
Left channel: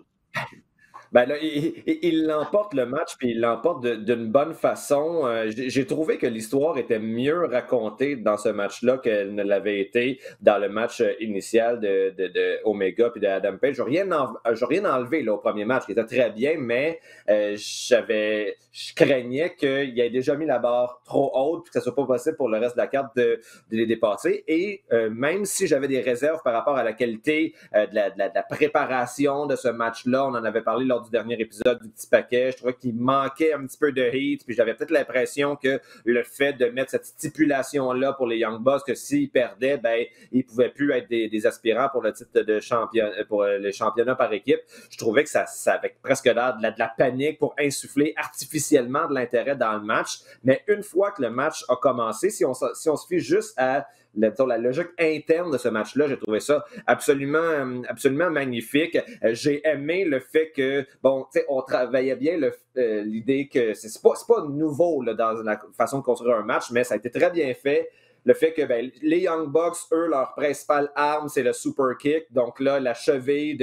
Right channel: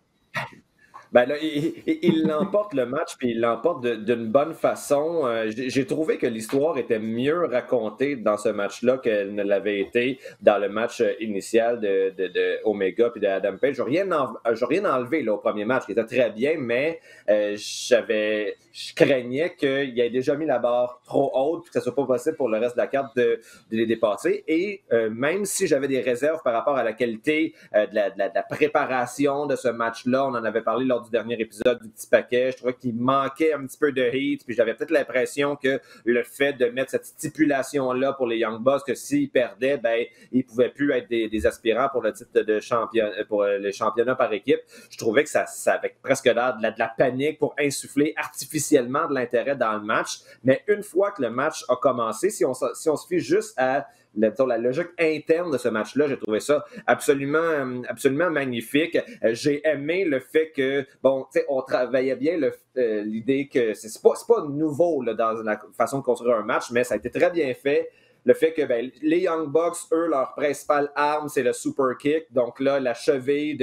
Ben là, il l'emporte le match, puis il l'emporte d'une bonne façon. J'ai trouvé que l'histoire était mieux racontée dans ce match-là qu'elle ne l'avait été dans le match initial de Omega puis de Adam Page. Je n'ai rien enlevé là, au premier match, qui était très bien, mais je craignais qu'il ait déjà mis la barre trop haute, puis que ce soit pas possible pour le reste de la carte de les dépasser. Et même si j'avais des réserves par rapport à la qualité de la préparation de ce match-là, on en avait parlé lors du dernier épisode du petit paquet, je trouvais qu'il manquait un petit peu de heat, puis j'avais peut-être l'impression que le fait de mettre cette stipulation-là pour les Young Bucks, que s'ils perdaient, ben ils pouvaient plus être des aspirants pour le titre de champion, pour le championnat par équipe. Je trouvais que ça avait presque l'air de la panique pour insuffler artificiellement de l'intérêt dans le match. Mais une fois que le match a commencé, si on se fie juste à la logique interne de ce match-là, j'ai trouvé ça absolument magnifique. J'ai aimé le fait que, on travaillait bien l'idée que c'est pas nouveau là, dans la façon de construire un match, mais ça a été très bien fait. Le fait que les Young Bucks, eux, leur principale arme, c'est le super kick. Donc là, la cheville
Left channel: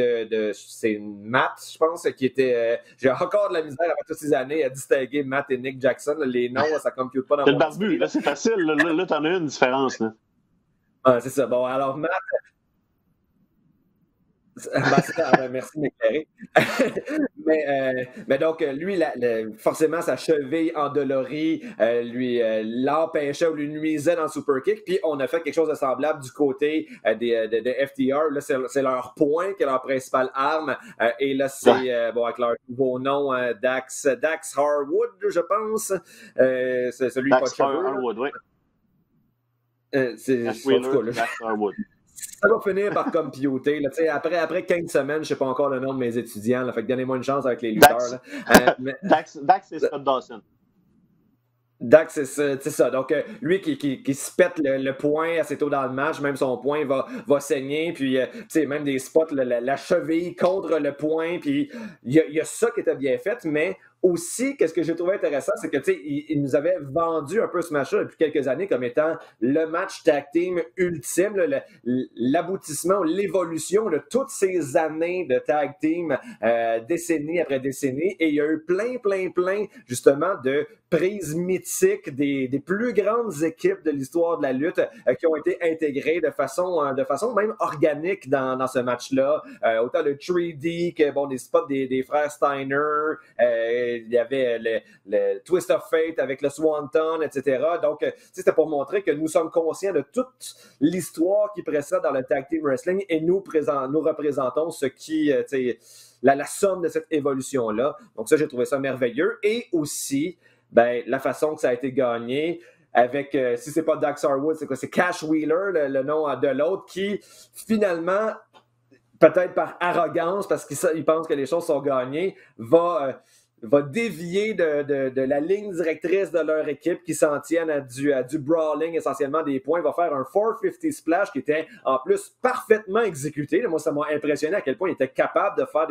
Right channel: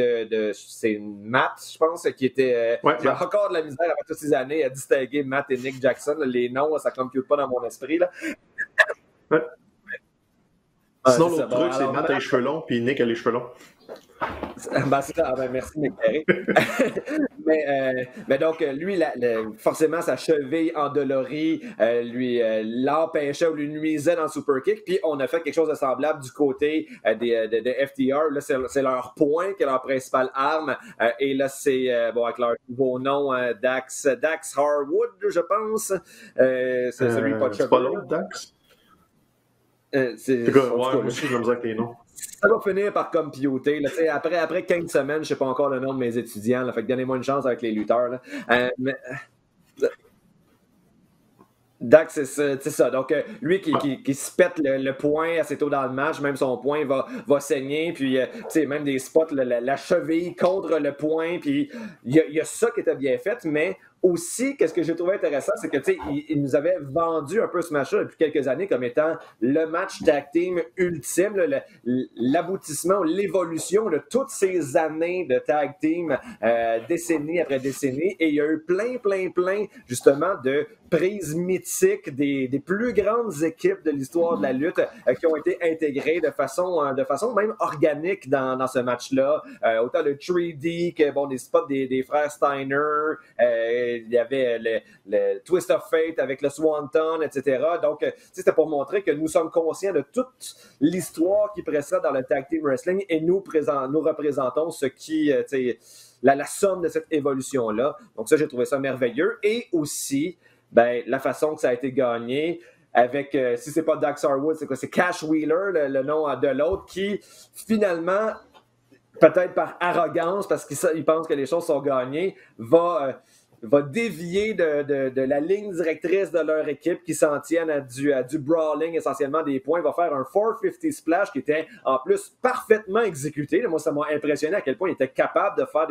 c'est Matt, je pense, qui était... J'ai encore de la misère après toutes ces années à distinguer Matt et Nick Jackson. Les noms, ça ne compute pas dans mon esprit. Là, c'est facile. Là t'en as une différence. Là. Sinon, c'est ça. Bon, alors, Matt a les cheveux longs, puis Nick a les cheveux longs. C'est ça. Merci, Nick Perry. mais donc, lui, forcément, sa cheville endolorie lui l'empêchait ou lui nuisait dans le super kick. Puis, on a fait quelque chose de semblable du côté de FTR. Là, c'est leur point qui est leur principale arme. Et là, c'est, avec leur nouveau nom, Dax Harwood, je pense. C'est celui Dax qui Harwood, ça va finir par computer. Là, après 15 semaines, je ne sais pas encore le nom de mes étudiants. Là, fait que donnez-moi une chance avec les lutteurs. Dax, c'est Scott Dawson. Dax, c'est ça. Donc, lui qui se pète le poing assez tôt dans le match, même son poing va saigner, puis même des spots, la cheville contre le poing, puis il y a ça qui était bien fait, mais aussi, qu'est-ce que j'ai trouvé intéressant, c'est que il nous avait vendu un peu ce match-là depuis quelques années comme étant le match tag team ultime, l'aboutissement, l'évolution de toutes ces années de tag team, décennie après décennie, et il y a eu plein, justement, de prises mythiques des plus grandes équipes de l'histoire de la lutte qui ont été intégrées de façon même organique dans ce match-là. Autant le 3D que des spots des frères Steiner, il y avait le Twist of Fate avec le Swanton, etc. Donc, c'était pour montrer que nous sommes conscients de toute l'histoire qui précède dans le tag team wrestling et nous représentons ce qui, la somme de cette évolution-là. Donc ça, j'ai trouvé ça merveilleux. Et aussi, la façon que ça a été gagné avec, si c'est pas Dax Harwood, c'est quoi? C'est Cash Wheeler, le nom de l'autre, qui finalement, peut-être par arrogance, parce qu'il pense que les choses sont gagnées, va dévier de la ligne directrice de leur équipe qui s'en tiennent à du brawling, essentiellement des points. Il va faire un 450 splash qui était en plus parfaitement exécuté. Moi, ça m'a impressionné à quel point il était capable de faire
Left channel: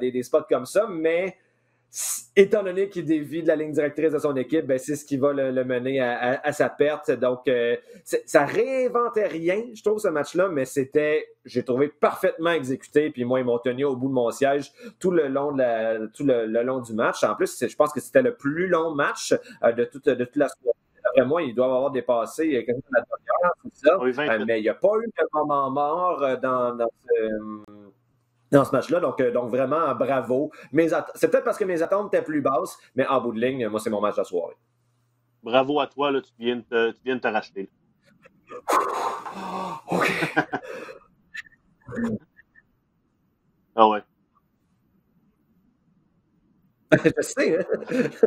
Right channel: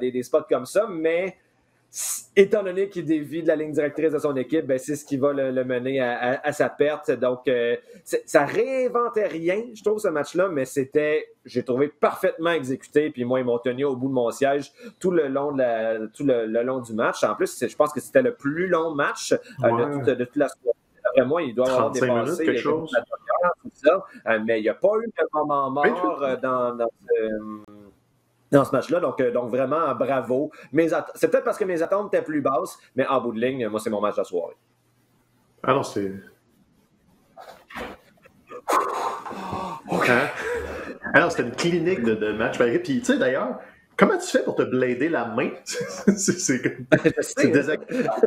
des spots comme ça, mais étant donné qu'il dévie de la ligne directrice de son équipe, c'est ce qui va le mener à sa perte. Donc, ça réinventait rien, je trouve, ce match-là, mais j'ai trouvé parfaitement exécuté. Puis moi, ils m'ont tenu au bout de mon siège tout le long le long du match. En plus, je pense que c'était le plus long match de toute la soirée. Après moi, il doit avoir dépassé mais il n'y a pas eu de moment mort dans ce match-là. Donc vraiment, bravo. C'est peut-être parce que mes attentes étaient plus basses, mais en bout de ligne, moi, c'est mon match de la soirée. Bravo à toi, là, tu viens de te racheter. Alors, non, c'était une clinique de match par équipe. Puis, tu sais, d'ailleurs, comment tu fais pour te blader la main? c'est désagréable.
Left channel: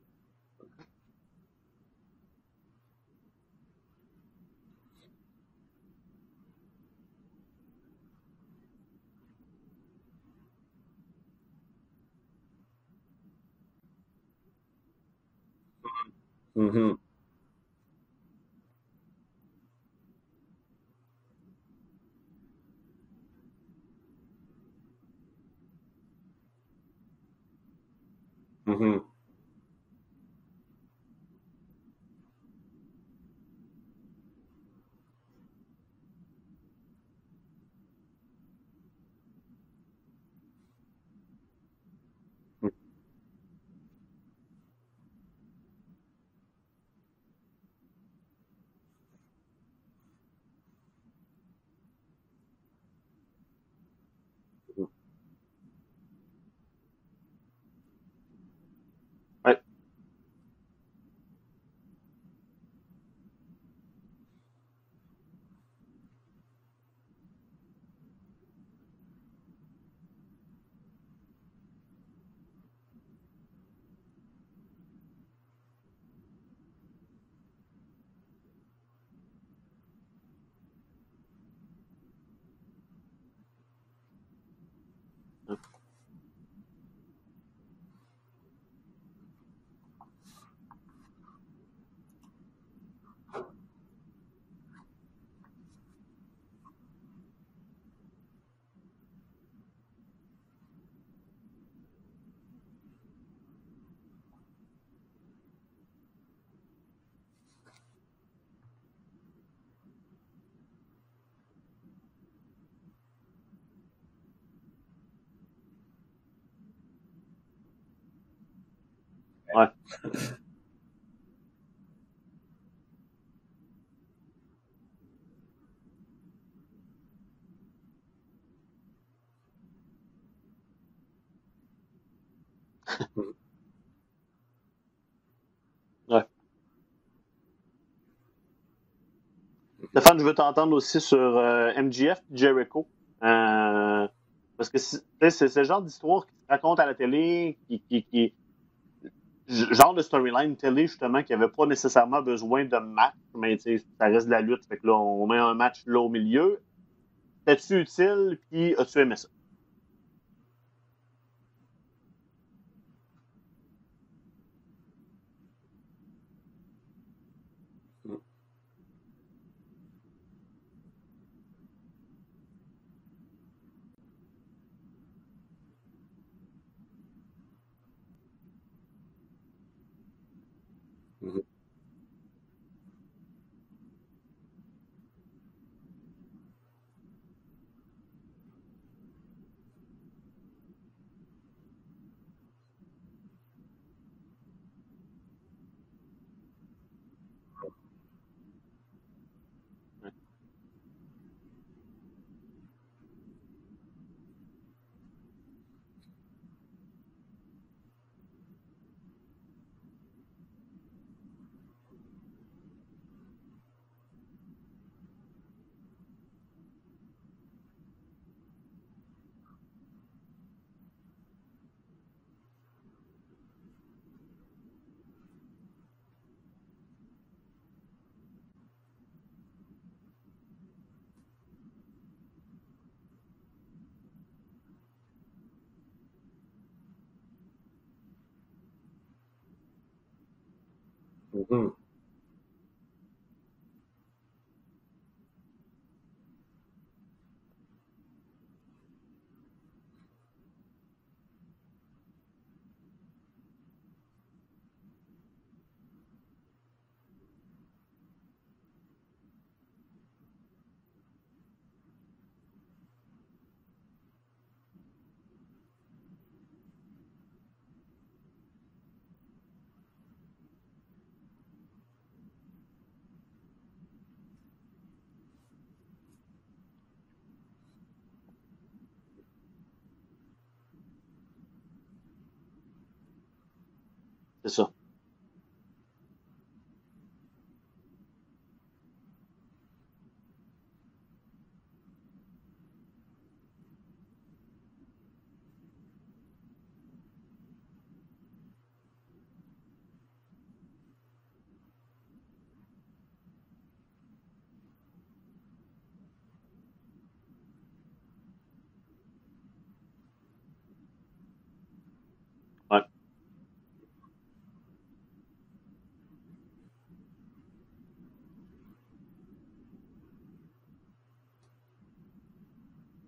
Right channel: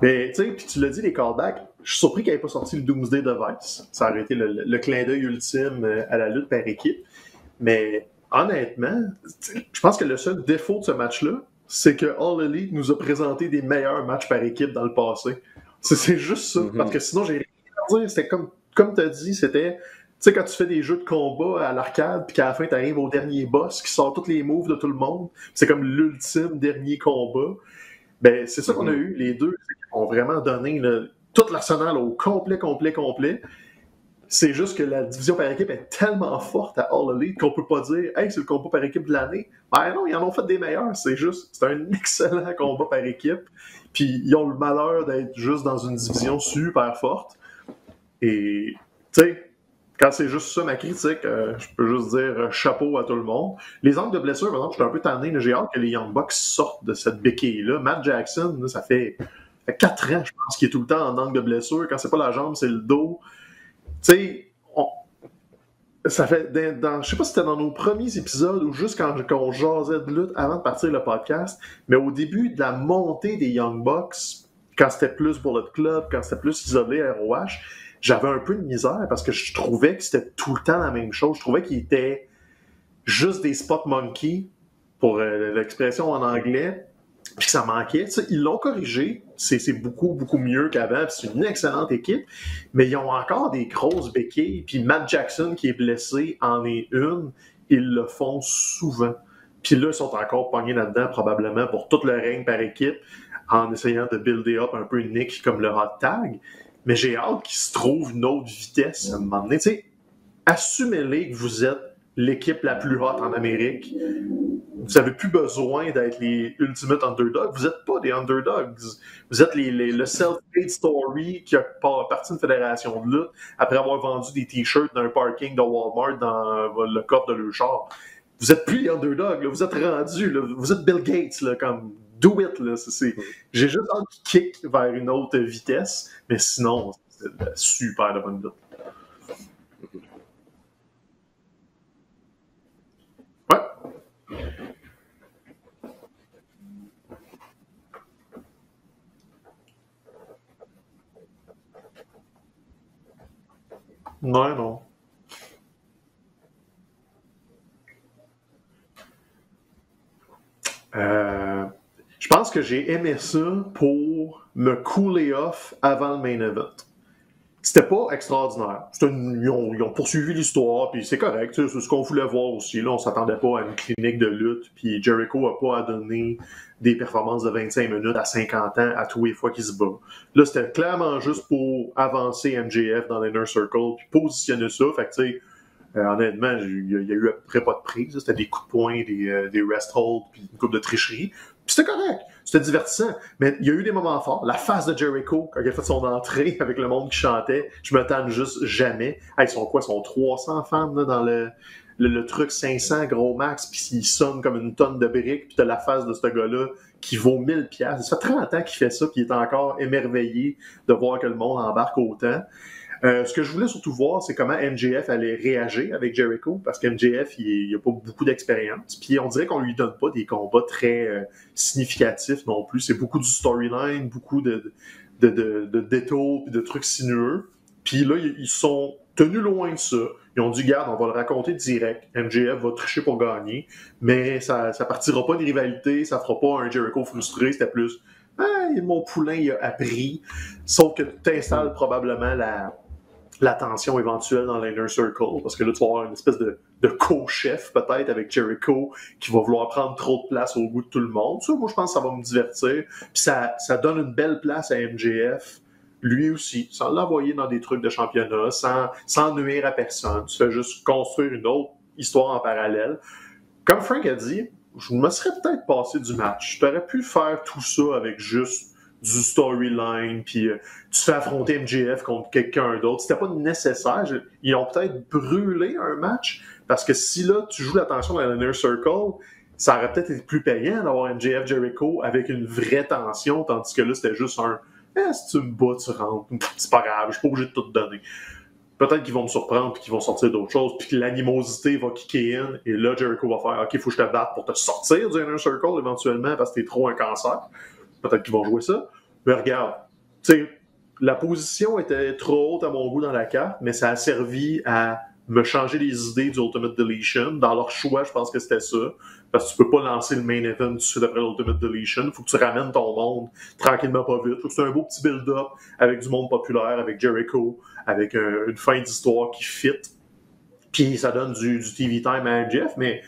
Mais, tu sais, puis tu l'as dit, les callbacks, je suis surpris qu'il n'ait pas sorti le Doomsday Device. Ça aurait été le clin d'œil ultime à la lutte par équipe. Mais, honnêtement, je pense que le seul défaut de ce match-là, c'est que All Elite nous a présenté des meilleurs matchs par équipe dans le passé. C'est juste ça. Parce que sinon, j'ai rien à dire. C'était comme tu as dit, c'était... Tu sais, quand tu fais des jeux de combat à l'arcade, puis qu'à la fin, tu arrives au dernier boss qui sort tous les moves de tout le monde, c'est comme l'ultime dernier combat. Ben, c'est ça qu'on a eu. Les deux ont vraiment donné tout l'arsenal au complet. C'est juste que la division par équipe est tellement forte à All Elite qu'on peut pas dire « Hey, c'est le combat par équipe de l'année ». Ben non, ils en ont fait des meilleurs. C'est un excellent combat par équipe. Puis ils ont le malheur d'être juste dans une division super forte. Et, tu sais, quand c'est juste ça ma critique, je peux juste dire chapeau à tout le monde. Les angles de blessure, par exemple, je suis un peu tanné. J'ai hâte que les Young Bucks sortent de cette béquille-là. Matt Jackson, là, ça fait 4 ans, je pense, qu'il est tout le temps en angle de blessure. Quand c'est pas la jambe, c'est le dos. Tu sais, ça fait je sais pas si c'était dans nos premiers épisodes ou juste quand on jasait de lutte avant de partir le podcast, mais au début de la montée des Young Bucks, quand c'était plus Bullet Club, quand c'était plus isolé ROH, j'avais un peu de misère parce que je trouvais que c'était tout le temps la même chose. Je trouvais qu'ils étaient juste des spot monkeys, pour l'expression en anglais, puis que ça manquait. T'sais, ils l'ont corrigé. C'est beaucoup, beaucoup mieux qu'avant. C'est une excellente équipe. Mais ils ont encore des grosses béquilles. Puis Matt Jackson, qui est blessé, en est une. Ils le font souvent. Puis là, ils sont encore pognés là-dedans, probablement, pour tout le règne par équipe, en essayant de builder up un peu une niche comme le hot tag. Mais j'ai hâte qu'ils se trouvent une autre vitesse à un moment donné. T'sais, assumez-les que vous êtes l'équipe la plus hot en Amérique. Vous n'avez plus besoin d'être les ultimate underdogs. Vous n'êtes pas des underdogs. Vous êtes le self-made story qui a parti d'une fédération de lutte après avoir vendu des t-shirts dans un parking de Walmart dans le coffre de leur char. Vous n'êtes plus les underdogs. Là. Vous êtes rendus. Là. Vous êtes Bill Gates. Là, comme do it. Là. J'ai juste hâte qu'ils kick vers une autre vitesse. Mais sinon, c'est super de bonne lutte. Stéphane, je veux t'entendre aussi sur MJF Jericho. Parce que c'est le genre d'histoire qui se raconte à la télé, genre de storyline télé, justement, qui n'avait pas nécessairement besoin de match, mais ça reste de la lutte. Fait que là, on met un match là au milieu. T'es-tu utile, puis as-tu aimé ça? Je pense que j'ai aimé ça pour me cooler off avant le main event. C'était pas extraordinaire. Ils ont poursuivi l'histoire, puis c'est correct. C'est ce qu'on voulait voir aussi. Là, on s'attendait pas à une clinique de lutte, puis Jericho n'a pas à donner des performances de 25 minutes à 50 ans à tous les fois qu'il se bat. Là, c'était clairement juste pour avancer MJF dans l'Inner Circle, puis positionner ça. Fait que, tu sais, honnêtement, il y a eu à peu près pas de prise. C'était des coups de poing, des rest holds, puis une coupe de tricherie. Puis c'était correct, c'était divertissant. Mais il y a eu des moments forts. La face de Jericho, quand il a fait son entrée avec le monde qui chantait, je me tanne juste jamais. Ils sont quoi? Ils sont 300 fans là, dans le truc 500 gros max, puis il sonne comme une tonne de briques, puis t'as la face de ce gars-là qui vaut 1000$. Ça fait 30 ans qu'il fait ça, puis il est encore émerveillé de voir que le monde embarque autant. Ce que je voulais surtout voir, c'est comment MJF allait réagir avec Jericho, parce que MJF, il n'a pas beaucoup d'expérience. Puis on dirait qu'on lui donne pas des combats très significatifs non plus. C'est beaucoup du storyline, beaucoup de détours, de trucs sinueux. Puis là, ils sont tenus loin de ça. Ils ont dit, garde, on va le raconter direct. MJF va tricher pour gagner, mais ça partira pas de rivalité, ça fera pas un Jericho frustré. C'était plus, mon poulain, il a appris. Sauf que tu installes probablement la tension éventuelle dans l'Inner Circle, parce que là, tu vas avoir une espèce de co-chef, peut-être, avec Jericho, qui va vouloir prendre trop de place au goût de tout le monde. Ça, moi, je pense que ça va me divertir. Puis ça donne une belle place à MJF, lui aussi, sans l'envoyer dans des trucs de championnat, sans nuire à personne. Tu fais juste construire une autre histoire en parallèle. Comme Frank a dit, je me serais peut-être passé du match. Tu aurais pu faire tout ça avec juste du storyline, puis tu te fais affronter MJF contre quelqu'un d'autre. C'était pas nécessaire. Ils ont peut-être brûlé un match, parce que si là, tu joues l'attention dans l'Inner Circle, ça aurait peut-être été plus payant d'avoir MJF Jericho avec une vraie tension, tandis que là, c'était juste un « si tu me bats, tu rentres. C'est pas grave, je suis pas obligé de tout te donner. » peut-être qu'ils vont me surprendre, puis qu'ils vont sortir d'autres choses, puis que l'animosité va kicker in, et là, Jericho va faire « OK, il faut que je te batte pour te sortir du Inner Circle éventuellement, parce que t'es trop un cancer. » Peut-être qu'ils vont jouer ça. Mais regarde, tu sais, la position était trop haute à mon goût dans la carte, mais ça a servi à me changer les idées du Ultimate Deletion. Dans leur choix, je pense que c'était ça. Parce que tu peux pas lancer le main event tout de suite après l'Ultimate Deletion. Il faut que tu ramènes ton monde tranquillement, pas vite. Il faut que c'est un beau petit build-up avec du monde populaire, avec Jericho, avec une fin d'histoire qui fit. Puis ça donne du TV time à Jeff. Mais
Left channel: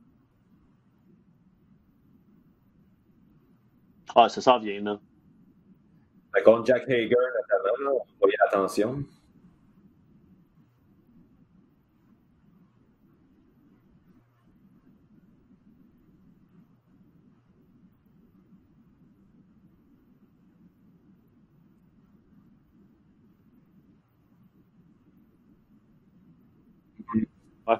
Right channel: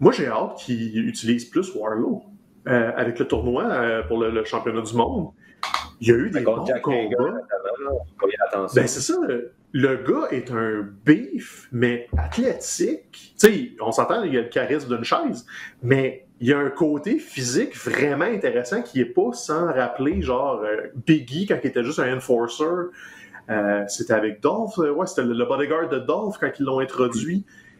moi, j'ai hâte qu'ils utilisent plus Wardlow. Avec le tournoi pour le championnat du monde. Il y a eu des contre Jack Hager, notamment, on va y attention. Ben, c'est ça. Le gars est un beef, mais athlétique. Tu sais, on s'entend, il y a le charisme d'une chaise, mais il y a un côté physique vraiment intéressant qui n'est pas sans rappeler, genre, Biggie quand il était juste un enforcer. C'était avec Dolph. Ouais, c'était le bodyguard de Dolph quand ils l'ont introduit. Ouais.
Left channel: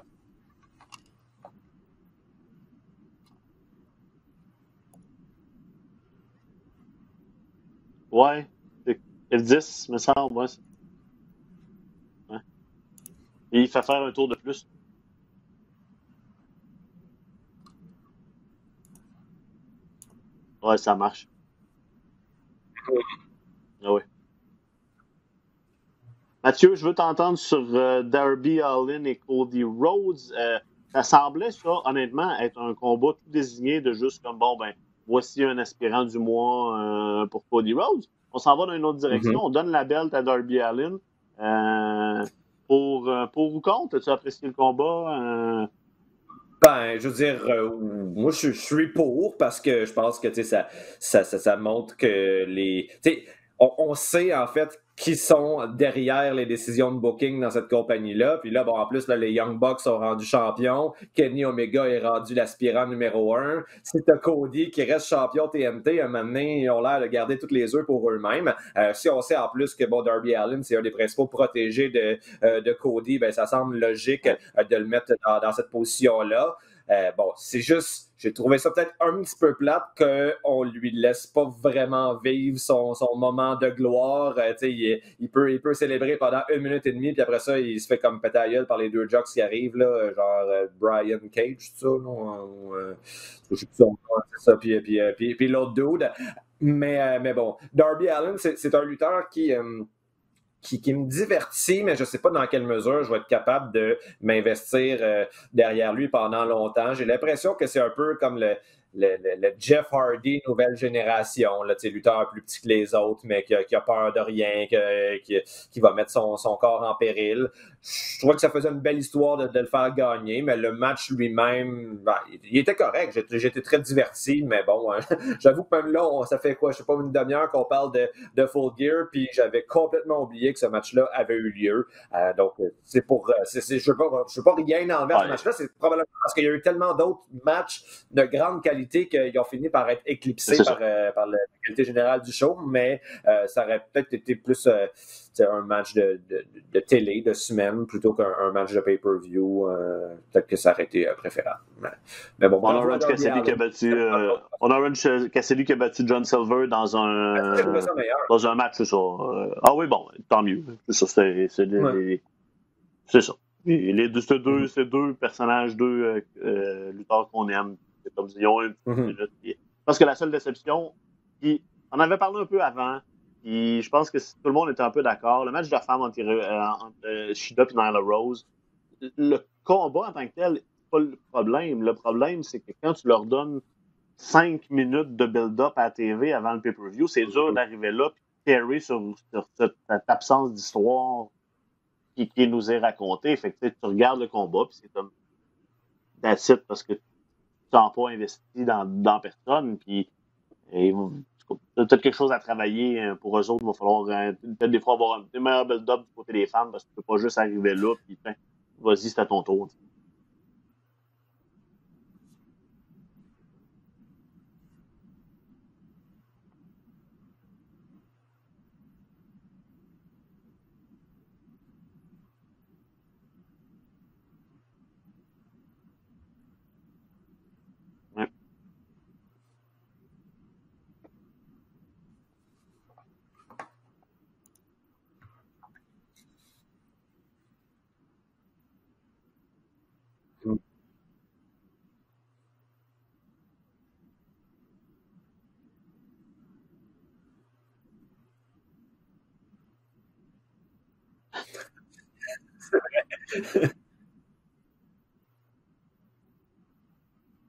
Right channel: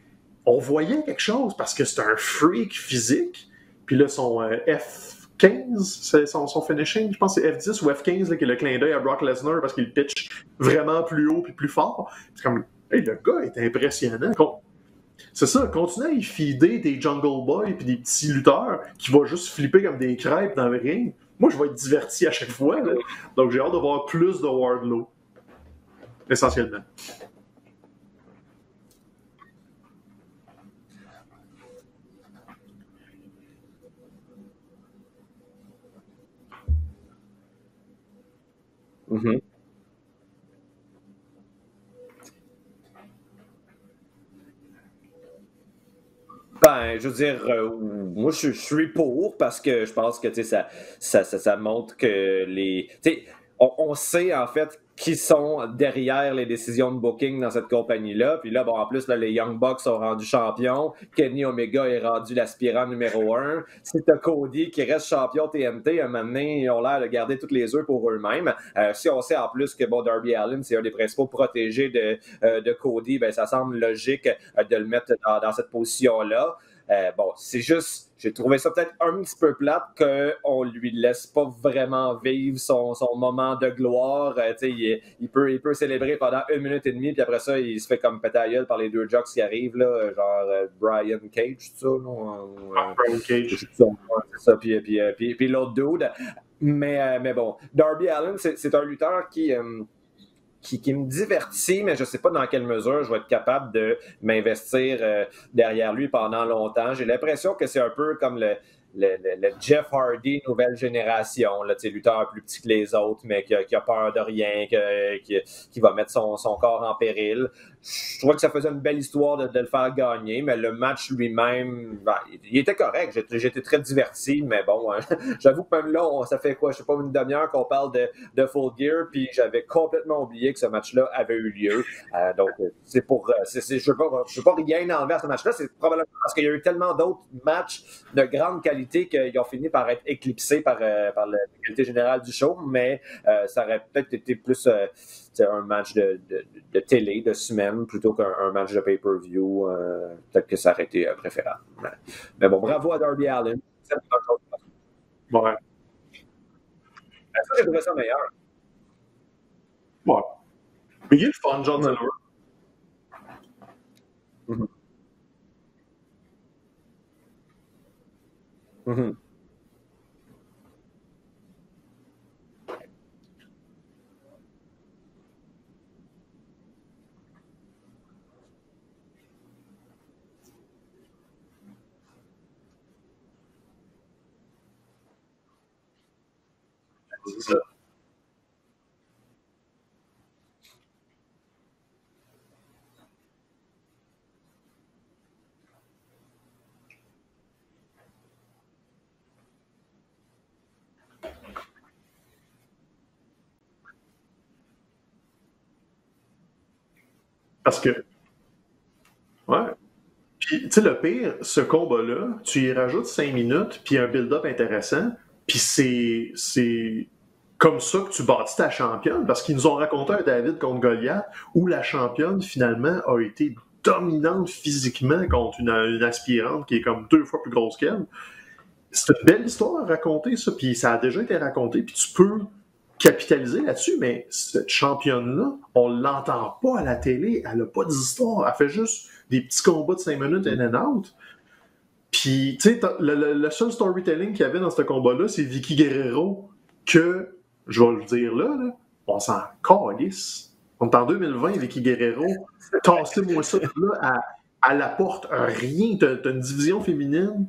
On voyait quelque chose parce que c'est un freak physique. Puis là, son F15, c'est son finishing, je pense que c'est F10 ou F15, qui est le clin d'œil à Brock Lesnar F10, parce qu'il pitch vraiment plus haut et plus fort. Ouais. C'est comme, hey, le gars est impressionnant. C'est ça, continue à y feeder des Jungle Boys et des petits lutteurs qui vont juste flipper comme des crêpes dans le ring. Moi, je vais être diverti à chaque fois. Là. Donc, j'ai hâte de voir plus de Wardlow. Mathieu, je veux t'entendre sur Darby Allin et Cody Rhodes. Ça semblait, ça, honnêtement, être un combat tout désigné de juste comme, bon, ben, voici un aspirant du mois pour Cody Rhodes. On s'en va dans une autre direction. On donne la belt à Darby Allin. Pour ou contre? As-tu apprécié le combat? Ben, je veux dire, moi, je suis pour parce que je pense que, ça montre que les... On sait, en fait, qui sont derrière les décisions de booking dans cette compagnie-là. Puis là, bon, en plus, là, les Young Bucks sont rendus champions. Kenny Omega est rendu l'aspirant numéro 1. Si t'as Cody qui reste champion TNT, à un moment donné, ils ont l'air de garder toutes les œufs pour eux-mêmes. Si on sait en plus que, bon, Darby Allin, c'est un des principaux protégés de Cody, ben ça semble logique de le mettre dans cette position-là. Bon, c'est juste, j'ai trouvé ça peut-être un petit peu plate qu'on lui laisse pas vraiment vivre son moment de gloire. Il peut célébrer pendant 1 minute et demie, puis après ça, il se fait comme péter à gueule par les deux jocks qui arrivent, là, genre Brian Cage, tout ça, non? Brian Cage. C'est ça, puis l'autre dude. Mais bon, Darby Allin, c'est un lutteur qui me divertit, mais je ne sais pas dans quelle mesure je vais être capable de m'investir derrière lui pendant longtemps. J'ai l'impression que c'est un peu comme le Jeff Hardy nouvelle génération, là, lutteur plus petit que les autres, mais qui a peur de rien, qui va mettre son corps en péril. Je trouvais que ça faisait une belle histoire de le faire gagner, mais le match lui-même, ben, il était correct. J'étais très diverti, mais bon, j'avoue que même là, ça fait quoi, je sais pas, une demi-heure qu'on parle de Full Gear, puis j'avais complètement oublié que ce match-là avait eu lieu. Donc, c'est pour... je veux pas rien enlever à ce match-là, c'est probablement parce qu'il y a eu tellement d'autres matchs de grande qualité qu'ils ont fini par être éclipsés par la qualité générale du show, mais ça aurait peut-être été plus un match de télé, de semaine, plutôt qu'un match de pay-per-view. Peut-être que ça aurait été préférable. Mais bon, bravo à Darby Allin. On a Cassidy qui a battu John Silver dans un match, c'est ça. Ah oui, bon, tant mieux. C'est ça. C'est ça. Et ces deux personnages, deux lutteurs qu'on aime, comme ils ont parce que la seule déception, on avait parlé un peu avant, puis je pense que tout le monde était un peu d'accord. Le match de femmes entre Shida et Nyla Rose, le combat en tant que tel, c'est pas le problème. Le problème, c'est que quand tu leur donnes 5 minutes de build-up à la TV avant le pay-per-view, c'est dur d'arriver là et carry sur cette absence d'histoire qui nous est racontée. Fait que tu regardes le combat, puis c'est comme that's it, parce que tu n'as pas investi dans personne, puis peut-être quelque chose à travailler pour eux autres. Il va falloir peut-être des fois avoir un meilleur build-up du côté des fans, parce que tu ne peux pas juste arriver là, puis vas-y, c'est à ton tour. Ouais. Puis, tu sais, le pire, ce combat-là, tu y rajoutes 5 minutes, puis un build-up intéressant, puis c'est comme ça que tu bâtis ta championne, parce qu'ils nous ont raconté un David contre Goliath, où la championne, finalement, a été dominante physiquement contre une aspirante qui est comme 2 fois plus grosse qu'elle. C'est une belle histoire à raconter, ça, puis ça a déjà été raconté, puis tu peux capitaliser là-dessus, mais cette championne-là, on l'entend pas à la télé, elle n'a pas d'histoire, elle fait juste des petits combats de 5 minutes in and out. Puis, tu sais, le seul storytelling qu'il y avait dans ce combat-là, c'est Vicky Guerrero, que, je vais le dire là on s'en calisse. On est en 2020, Vicky Guerrero, tassez-moi ça là, à la porte, rien. T'as une division féminine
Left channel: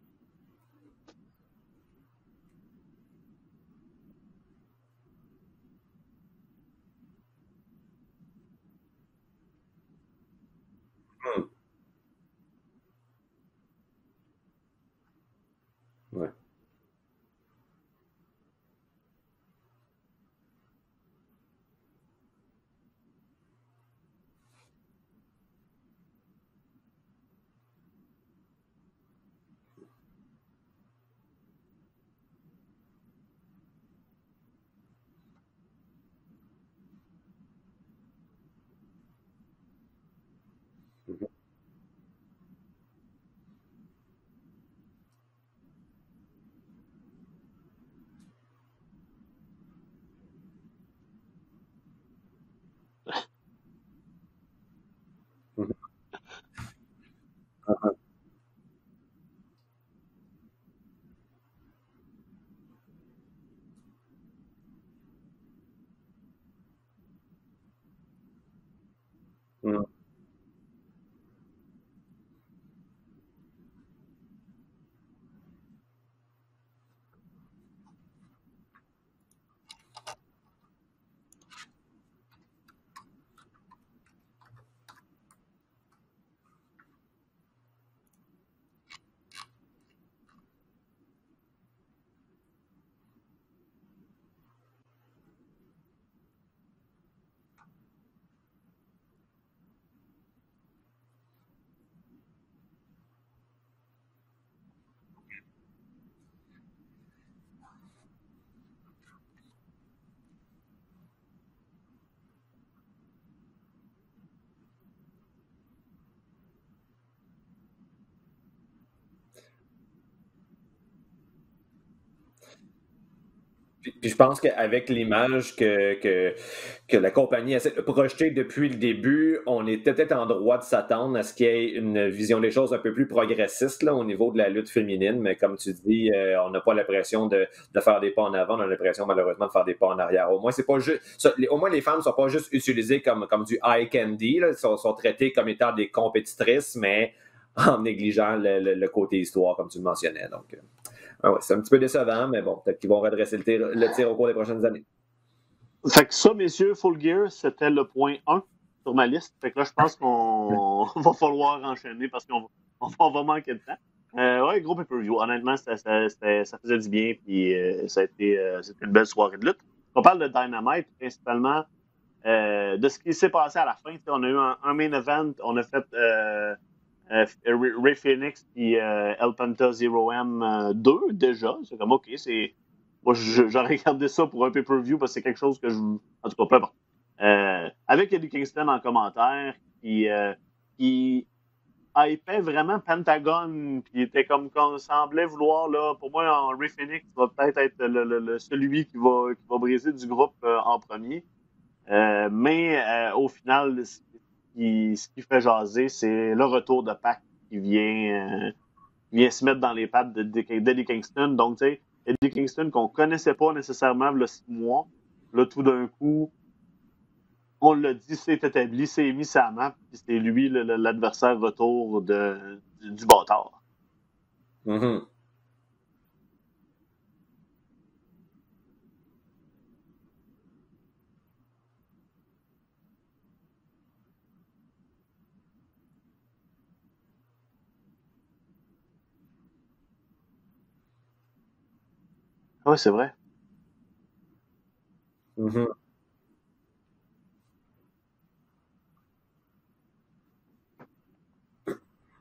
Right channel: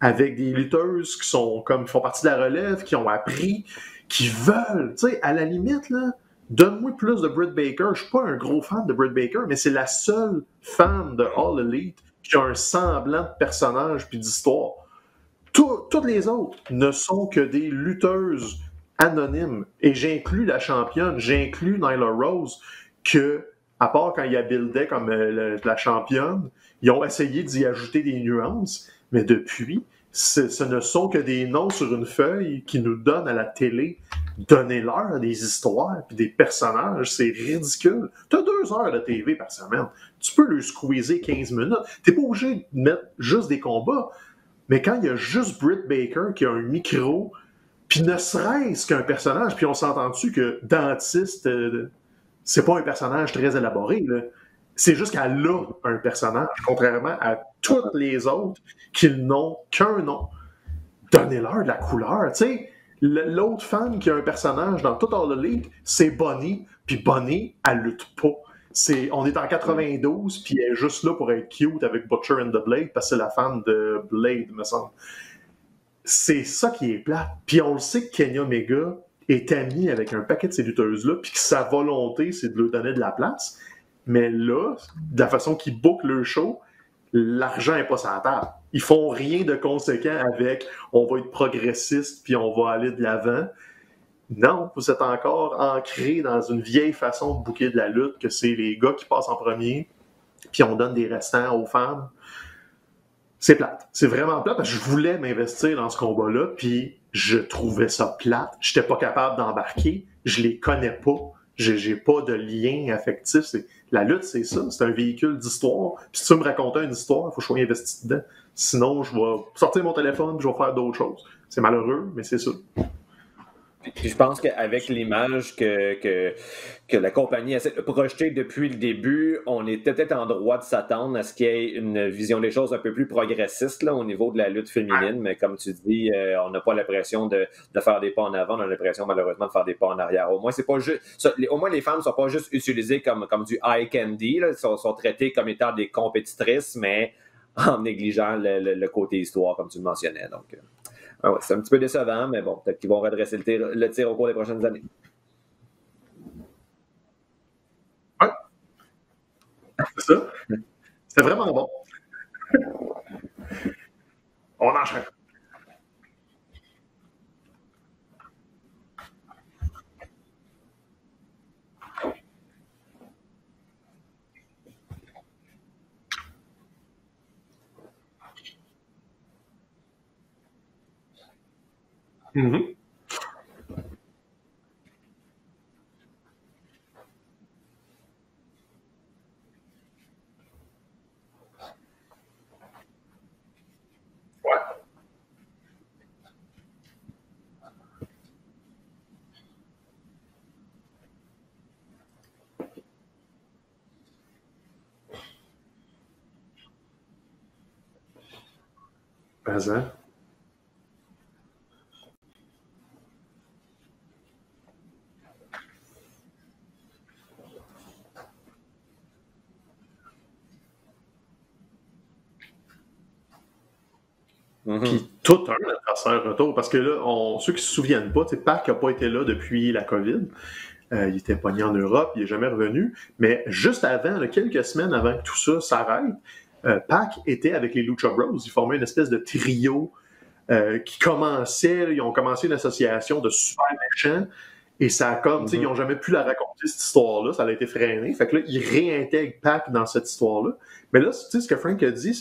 avec des lutteuses qui font partie de la relève, qui ont appris, qui veulent, tu sais, à la limite, là, donne-moi plus de Britt Baker. Je suis pas un gros fan de Britt Baker, mais c'est la seule femme de All Elite qui a un semblant de personnage puis d'histoire. Toutes les autres ne sont que des lutteuses anonymes. Et j'inclus la championne, j'inclus Nyla Rose, que, à part quand il y a buildé comme la championne, ils ont essayé d'y ajouter des nuances, mais depuis, ce ne sont que des noms sur une feuille qui nous donnent à la télé. Donnez-leur des histoires puis des personnages, c'est ridicule. T'as 2 heures de TV par semaine. Tu peux le squeezer 15 minutes. T'es pas obligé de mettre juste des combats. Mais quand il y a juste Britt Baker qui a un micro, puis ne serait-ce qu'un personnage, puis on s'entend-tu que Dentiste, c'est pas un personnage très élaboré, là. C'est juste qu'elle a un personnage, contrairement à toutes les autres qui n'ont qu'un nom. Donnez-leur de la couleur, tu sais. L'autre femme qui a un personnage dans tout All Elite, c'est Bonnie, puis Bonnie, elle lutte pas. On est en 92, puis elle est juste là pour être cute avec Butcher and the Blade, parce que c'est la femme de Blade, me semble. C'est ça qui est plate. Puis on le sait que Kenny Omega est ami avec un paquet de ces lutteuses-là, puis que sa volonté, c'est de leur donner de la place. Mais là, de la façon qu'ils bookent leur show, l'argent n'est pas sur la table. Ils font rien de conséquent avec « on va être progressiste, puis on va aller de l'avant ». Non, vous êtes encore ancré dans une vieille façon de booker de la lutte, que c'est les gars qui passent en premier, puis on donne des restants aux femmes. C'est plate. C'est vraiment plate, parce que je voulais m'investir dans ce combat-là, puis je trouvais ça plate. J'étais pas capable d'embarquer. Je les connais pas. J'ai pas de lien affectif. La lutte, c'est ça. C'est un véhicule d'histoire. Puis si tu veux me raconter une histoire, il faut que je sois investi dedans. Sinon, je vais sortir mon téléphone et je vais faire d'autres choses. C'est malheureux, mais c'est ça. Puis je pense qu'avec l'image que la compagnie essaie de projeter depuis le début, on était peut-être en droit de s'attendre à ce qu'il y ait une vision des choses un peu plus progressiste là, au niveau de la lutte féminine. Mais comme tu dis, on n'a pas l'impression de faire des pas en avant, on a l'impression malheureusement de faire des pas en arrière. Au moins, c'est pas juste. Au moins, les femmes ne sont pas juste utilisées comme du eye candy, là, sont traitées comme étant des compétitrices, mais en négligeant le côté histoire, comme tu le mentionnais. Donc. Ah ouais, c'est un petit peu décevant, mais bon, peut-être qu'ils vont redresser le tir au cours des prochaines années. Fait que ça, messieurs, Full Gear, c'était le point 1 sur ma liste. Fait que là, je pense qu'on va pas enchaîner parce qu'on va manquer de temps. Ouais, honnêtement, ça faisait du bien, puis c'était une belle soirée de lutte. On parle de Dynamite, principalement de ce qui s'est passé à la fin. On a eu un main event, on a fait... Ray Phoenix et El Panta 0M 2 déjà. C'est comme OK, c'est. Moi, j'aurais regardé ça pour un pay-per-view parce que c'est quelque chose que je. En tout cas, peu importe. Avec Eddie Kingston en commentaire, qui hypait vraiment Pentagon, puis était comme on semblait vouloir, là, pour moi, Ray Phoenix va peut-être être celui qui va briser du groupe en premier. Mais au final, ce qui fait jaser, c'est le retour de Pac qui vient se mettre dans les pattes d'Eddie Kingston. Donc, tu sais, Eddie Kingston qu'on connaissait pas nécessairement le 6 mois, là, tout d'un coup, on l'a dit, c'est établi, c'est mis sa map, puis c'est lui l'adversaire retour du bâtard. Puis tout un adversaire retour, parce que là, ceux qui se souviennent pas, Pac n'a pas été là depuis la COVID. Il était pogné en Europe, il n'est jamais revenu. Mais juste avant, quelques semaines avant que tout ça s'arrête, Pac était avec les Lucha Bros. Ils formaient une espèce de trio qui commençait. Ils ont commencé une association de super méchants. Et ça a comme, ils n'ont jamais pu la raconter, cette histoire-là. Ça a été freiné. Fait que là, ils réintègrent Pac dans cette histoire-là. Mais là, ce que Frank a dit,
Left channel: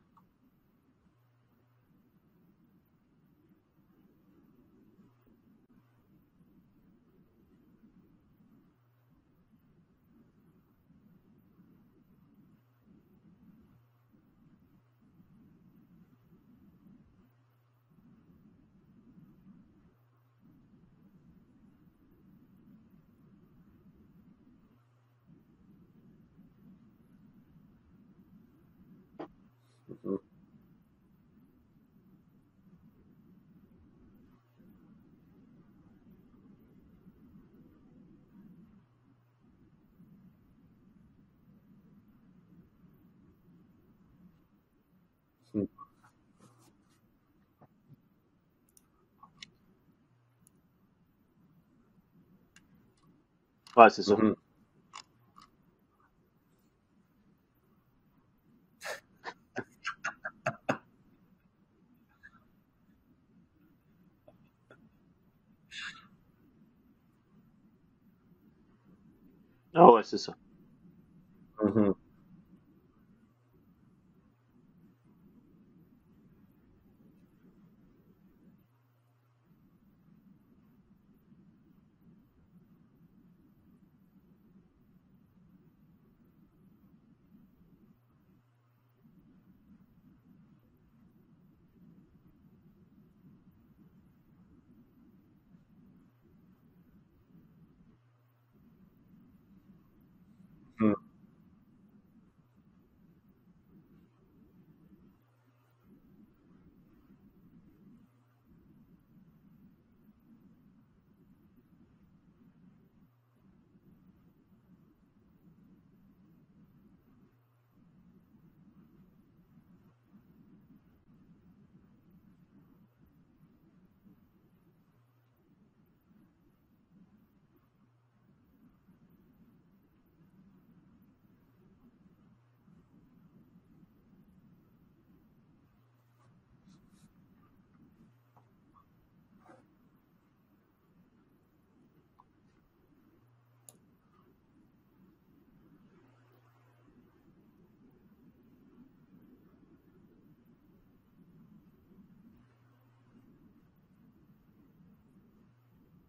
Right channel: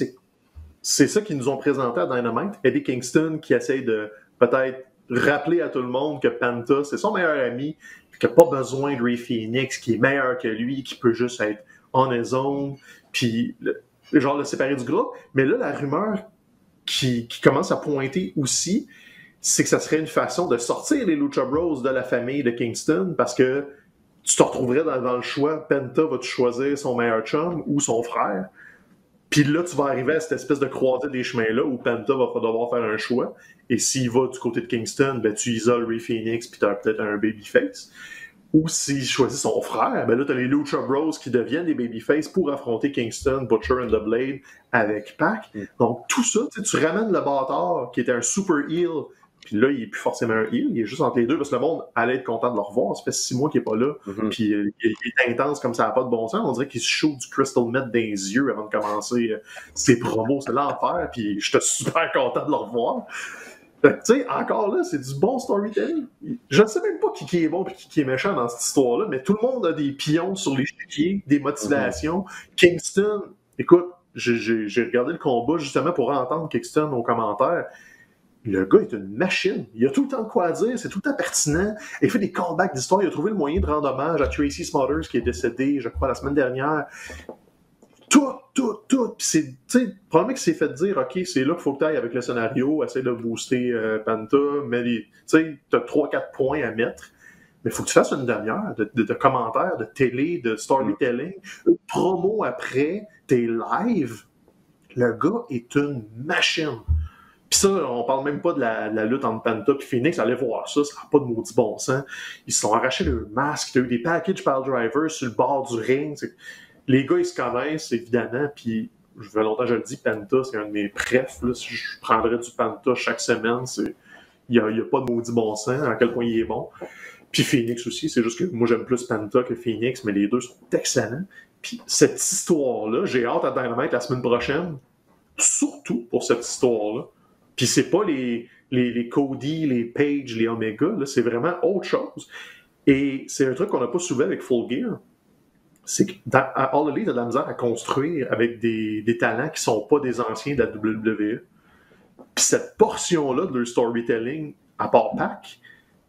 c'est ça qu'ils nous ont présenté à Dynamite. Eddie Kingston qui essaye de peut-être rappeler à tout le monde que Panta, c'est son meilleur ami, qui n'a pas besoin de Ray Phoenix, qui est meilleur que lui, qui peut juste être on his own, puis le séparer du groupe. Mais là, la rumeur qui commence à pointer aussi, c'est que ça serait une façon de sortir les Lucha Bros de la famille de Kingston parce que tu te retrouverais dans le choix. Penta va-tu choisir son meilleur chum ou son frère? Puis là, tu vas arriver à cette espèce de croisée des chemins-là où Penta va devoir faire un choix. Et s'il va du côté de Kingston, ben, tu isoles Rey Fénix puis tu as peut-être un babyface. Ou s'il choisit son frère, ben là, tu as les Lucha Bros qui deviennent des babyface pour affronter Kingston, Butcher and the Blade avec Pac. Donc, tout ça, tu ramènes le bâtard qui était un super heel. Puis là, il n'est plus forcément un heel, il est juste entre les deux parce que le monde allait être content de le revoir. Ça fait 6 mois qu'il n'est pas là. Puis il est intense comme ça n'a pas de bon sens. On dirait qu'il se shoot du Crystal Meth dans les yeux avant de commencer ses promos. C'est l'enfer. Puis j'étais super content de le revoir. Tu sais, encore là, c'est du bon storytelling. Je ne sais même pas qui est bon et qui est méchant dans cette histoire-là, mais tout le monde a des pions sur l'échiquier, des motivations. Kingston, écoute, j'ai regardé le combat justement pour entendre Kingston aux commentaires. Le gars est une machine. Il a tout le temps de quoi dire, c'est tout le temps pertinent. Il fait des callbacks d'histoire. Il a trouvé le moyen de rendre hommage à Tracy Smothers qui est décédé, je crois, la semaine dernière. Tout. Puis c'est, probablement qu'il s'est fait dire, OK, c'est là qu'il faut que tu ailles avec le scénario, essaye de booster Penta, mais tu as 3-4 points à mettre. Mais il faut que tu fasses une demi-heure de commentaires, de télé, de storytelling, une promo après, tes lives. Le gars est une machine. Puis ça, on parle même pas de la lutte entre Penta et Phoenix. Allez voir ça n'a pas de maudit bon sens. Ils se sont arrachés le masque. Tu as eu des packages par driver sur le bord du ring. Les gars, ils se connaissent, évidemment. Puis, je veux longtemps, je le dis, Penta, c'est un de mes prefs. Là. Si je prendrais du Penta chaque semaine, il n'y a pas de maudit bon sens à quel point il est bon. Puis Phoenix aussi. C'est juste que moi, j'aime plus Penta que Phoenix, mais les deux sont excellents. Puis cette histoire-là, j'ai hâte à Dynamite la semaine prochaine. Surtout pour cette histoire-là. Puis c'est pas les Cody, les Page, les Omega, là, c'est vraiment autre chose. Et c'est un truc qu'on n'a pas souvent avec Full Gear. C'est qu'à All Elite, t'as de la misère à construire avec des talents qui sont pas des anciens de la WWE. Puis cette portion-là de leur storytelling, à part Pac,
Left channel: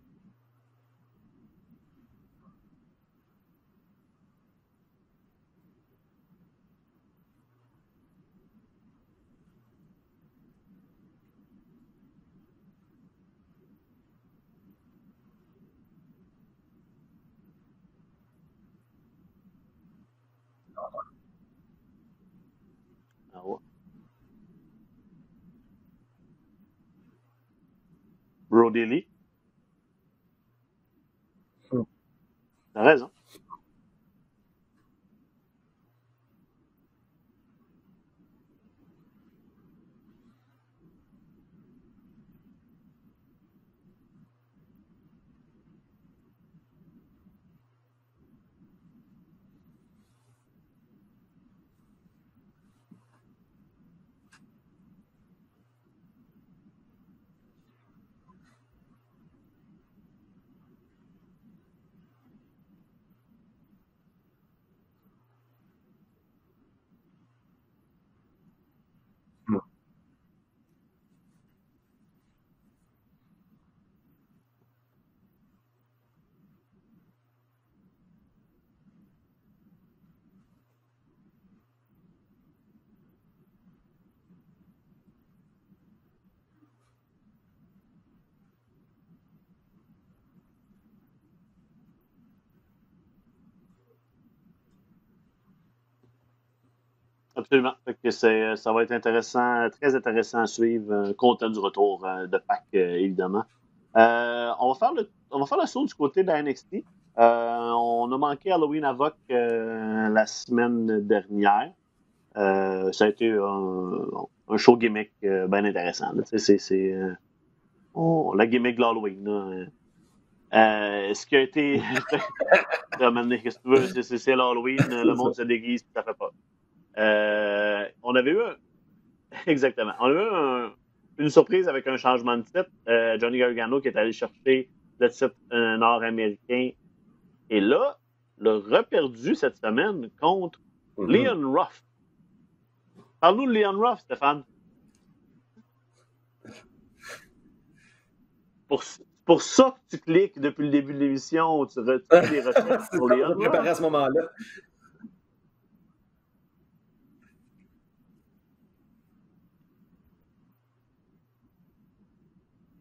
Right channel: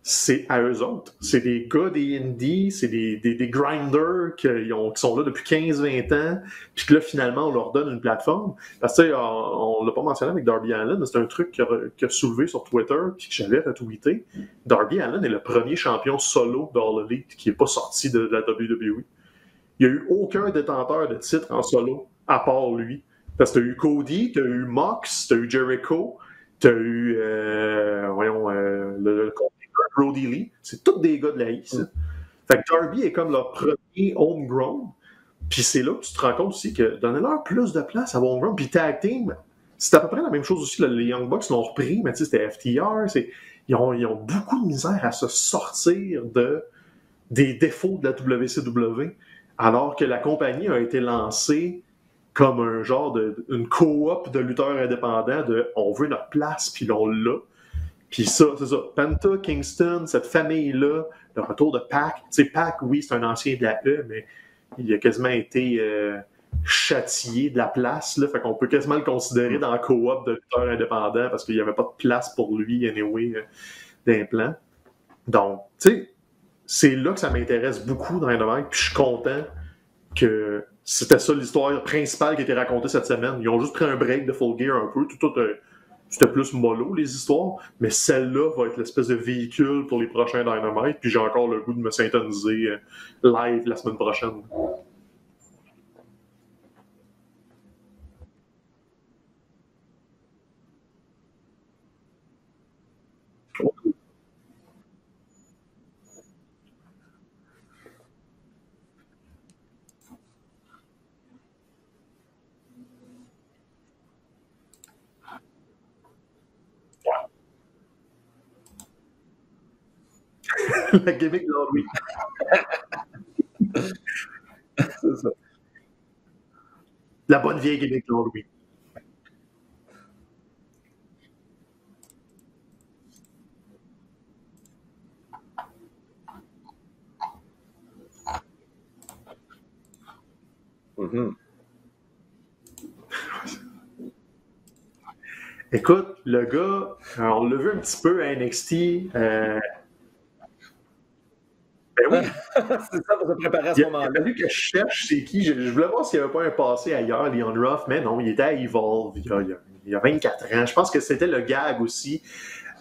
c'est à eux autres. C'est des gars des indies, c'est des grinders qui sont là depuis 15-20 ans, puis que là, finalement, on leur donne une plateforme. Parce que, on l'a pas mentionné avec Darby Allin, mais c'est un truc qu'il a soulevé sur Twitter, puis que j'avais retweeté. Darby Allin est le premier champion solo d'All Elite qui n'est pas sorti de la WWE. Il n'y a eu aucun détenteur de titre en solo, à part lui. Parce que tu as eu Cody, tu as eu Mox, tu as eu Jericho, tu as eu Brody Lee. C'est tous des gars de la East. Fait que Darby est comme leur premier homegrown. Puis c'est là que tu te rends compte aussi que donnez-leur plus de place à homegrown. Puis Tag Team, c'est à peu près la même chose aussi. Là, les Young Bucks l'ont repris, mais tu sais, c'était FTR. Ils ont beaucoup de misère à se sortir des défauts de la WCW, alors que la compagnie a été lancée comme un genre une coop de lutteurs indépendants de on veut notre place, puis on l'a. Puis ça, c'est ça. Penta, Kingston, cette famille-là, le retour de Pac. Tu sais, Pac, oui, c'est un ancien de la E, mais il a quasiment été châtié de la place. Là, fait qu'on peut quasiment le considérer dans la coop de lutteurs indépendants parce qu'il n'y avait pas de place pour lui, anyway, d'implant. Donc, tu sais, c'est là que ça m'intéresse beaucoup dans Dynamite. Puis je suis content que c'était ça l'histoire principale qui a été racontée cette semaine. Ils ont juste pris un break de Full Gear un peu. C'était plus mollo, les histoires, mais celle-là va être l'espèce de véhicule pour les prochains Dynamite, puis j'ai encore le goût de me syntoniser live la semaine prochaine. Absolument. Ça va être intéressant, très intéressant à suivre, content du retour de Pac, évidemment. On va faire le saut du côté de la NXT. On a manqué Halloween Havoc la semaine dernière. Ça a été un show gimmick bien intéressant. C'est la gimmick de l'Halloween. Ce qui a été... Qu'est-ce que tu veux? C'est l'Halloween, le monde se déguise, ça fait pas. La bonne vieille gimmick. On avait eu exactement. On a eu une surprise avec un changement de titre. Johnny Gargano qui est allé chercher le titre nord-américain. Et là, l'a reperdu cette semaine contre Leon Ruff. Parle-nous de Leon Ruff, Stéphane. Écoute, le gars, on l'a vu un petit peu à NXT. Pour ça que tu cliques depuis le début de l'émission, tu retrouves les ressources pour Leon Ruff. À ce moment-là, que je cherche, c'est qui? Je voulais voir s'il n'y avait pas un passé ailleurs, Leon Ruff, mais non, il était à Evolve il y a 24 ans. Je pense que c'était le gag aussi.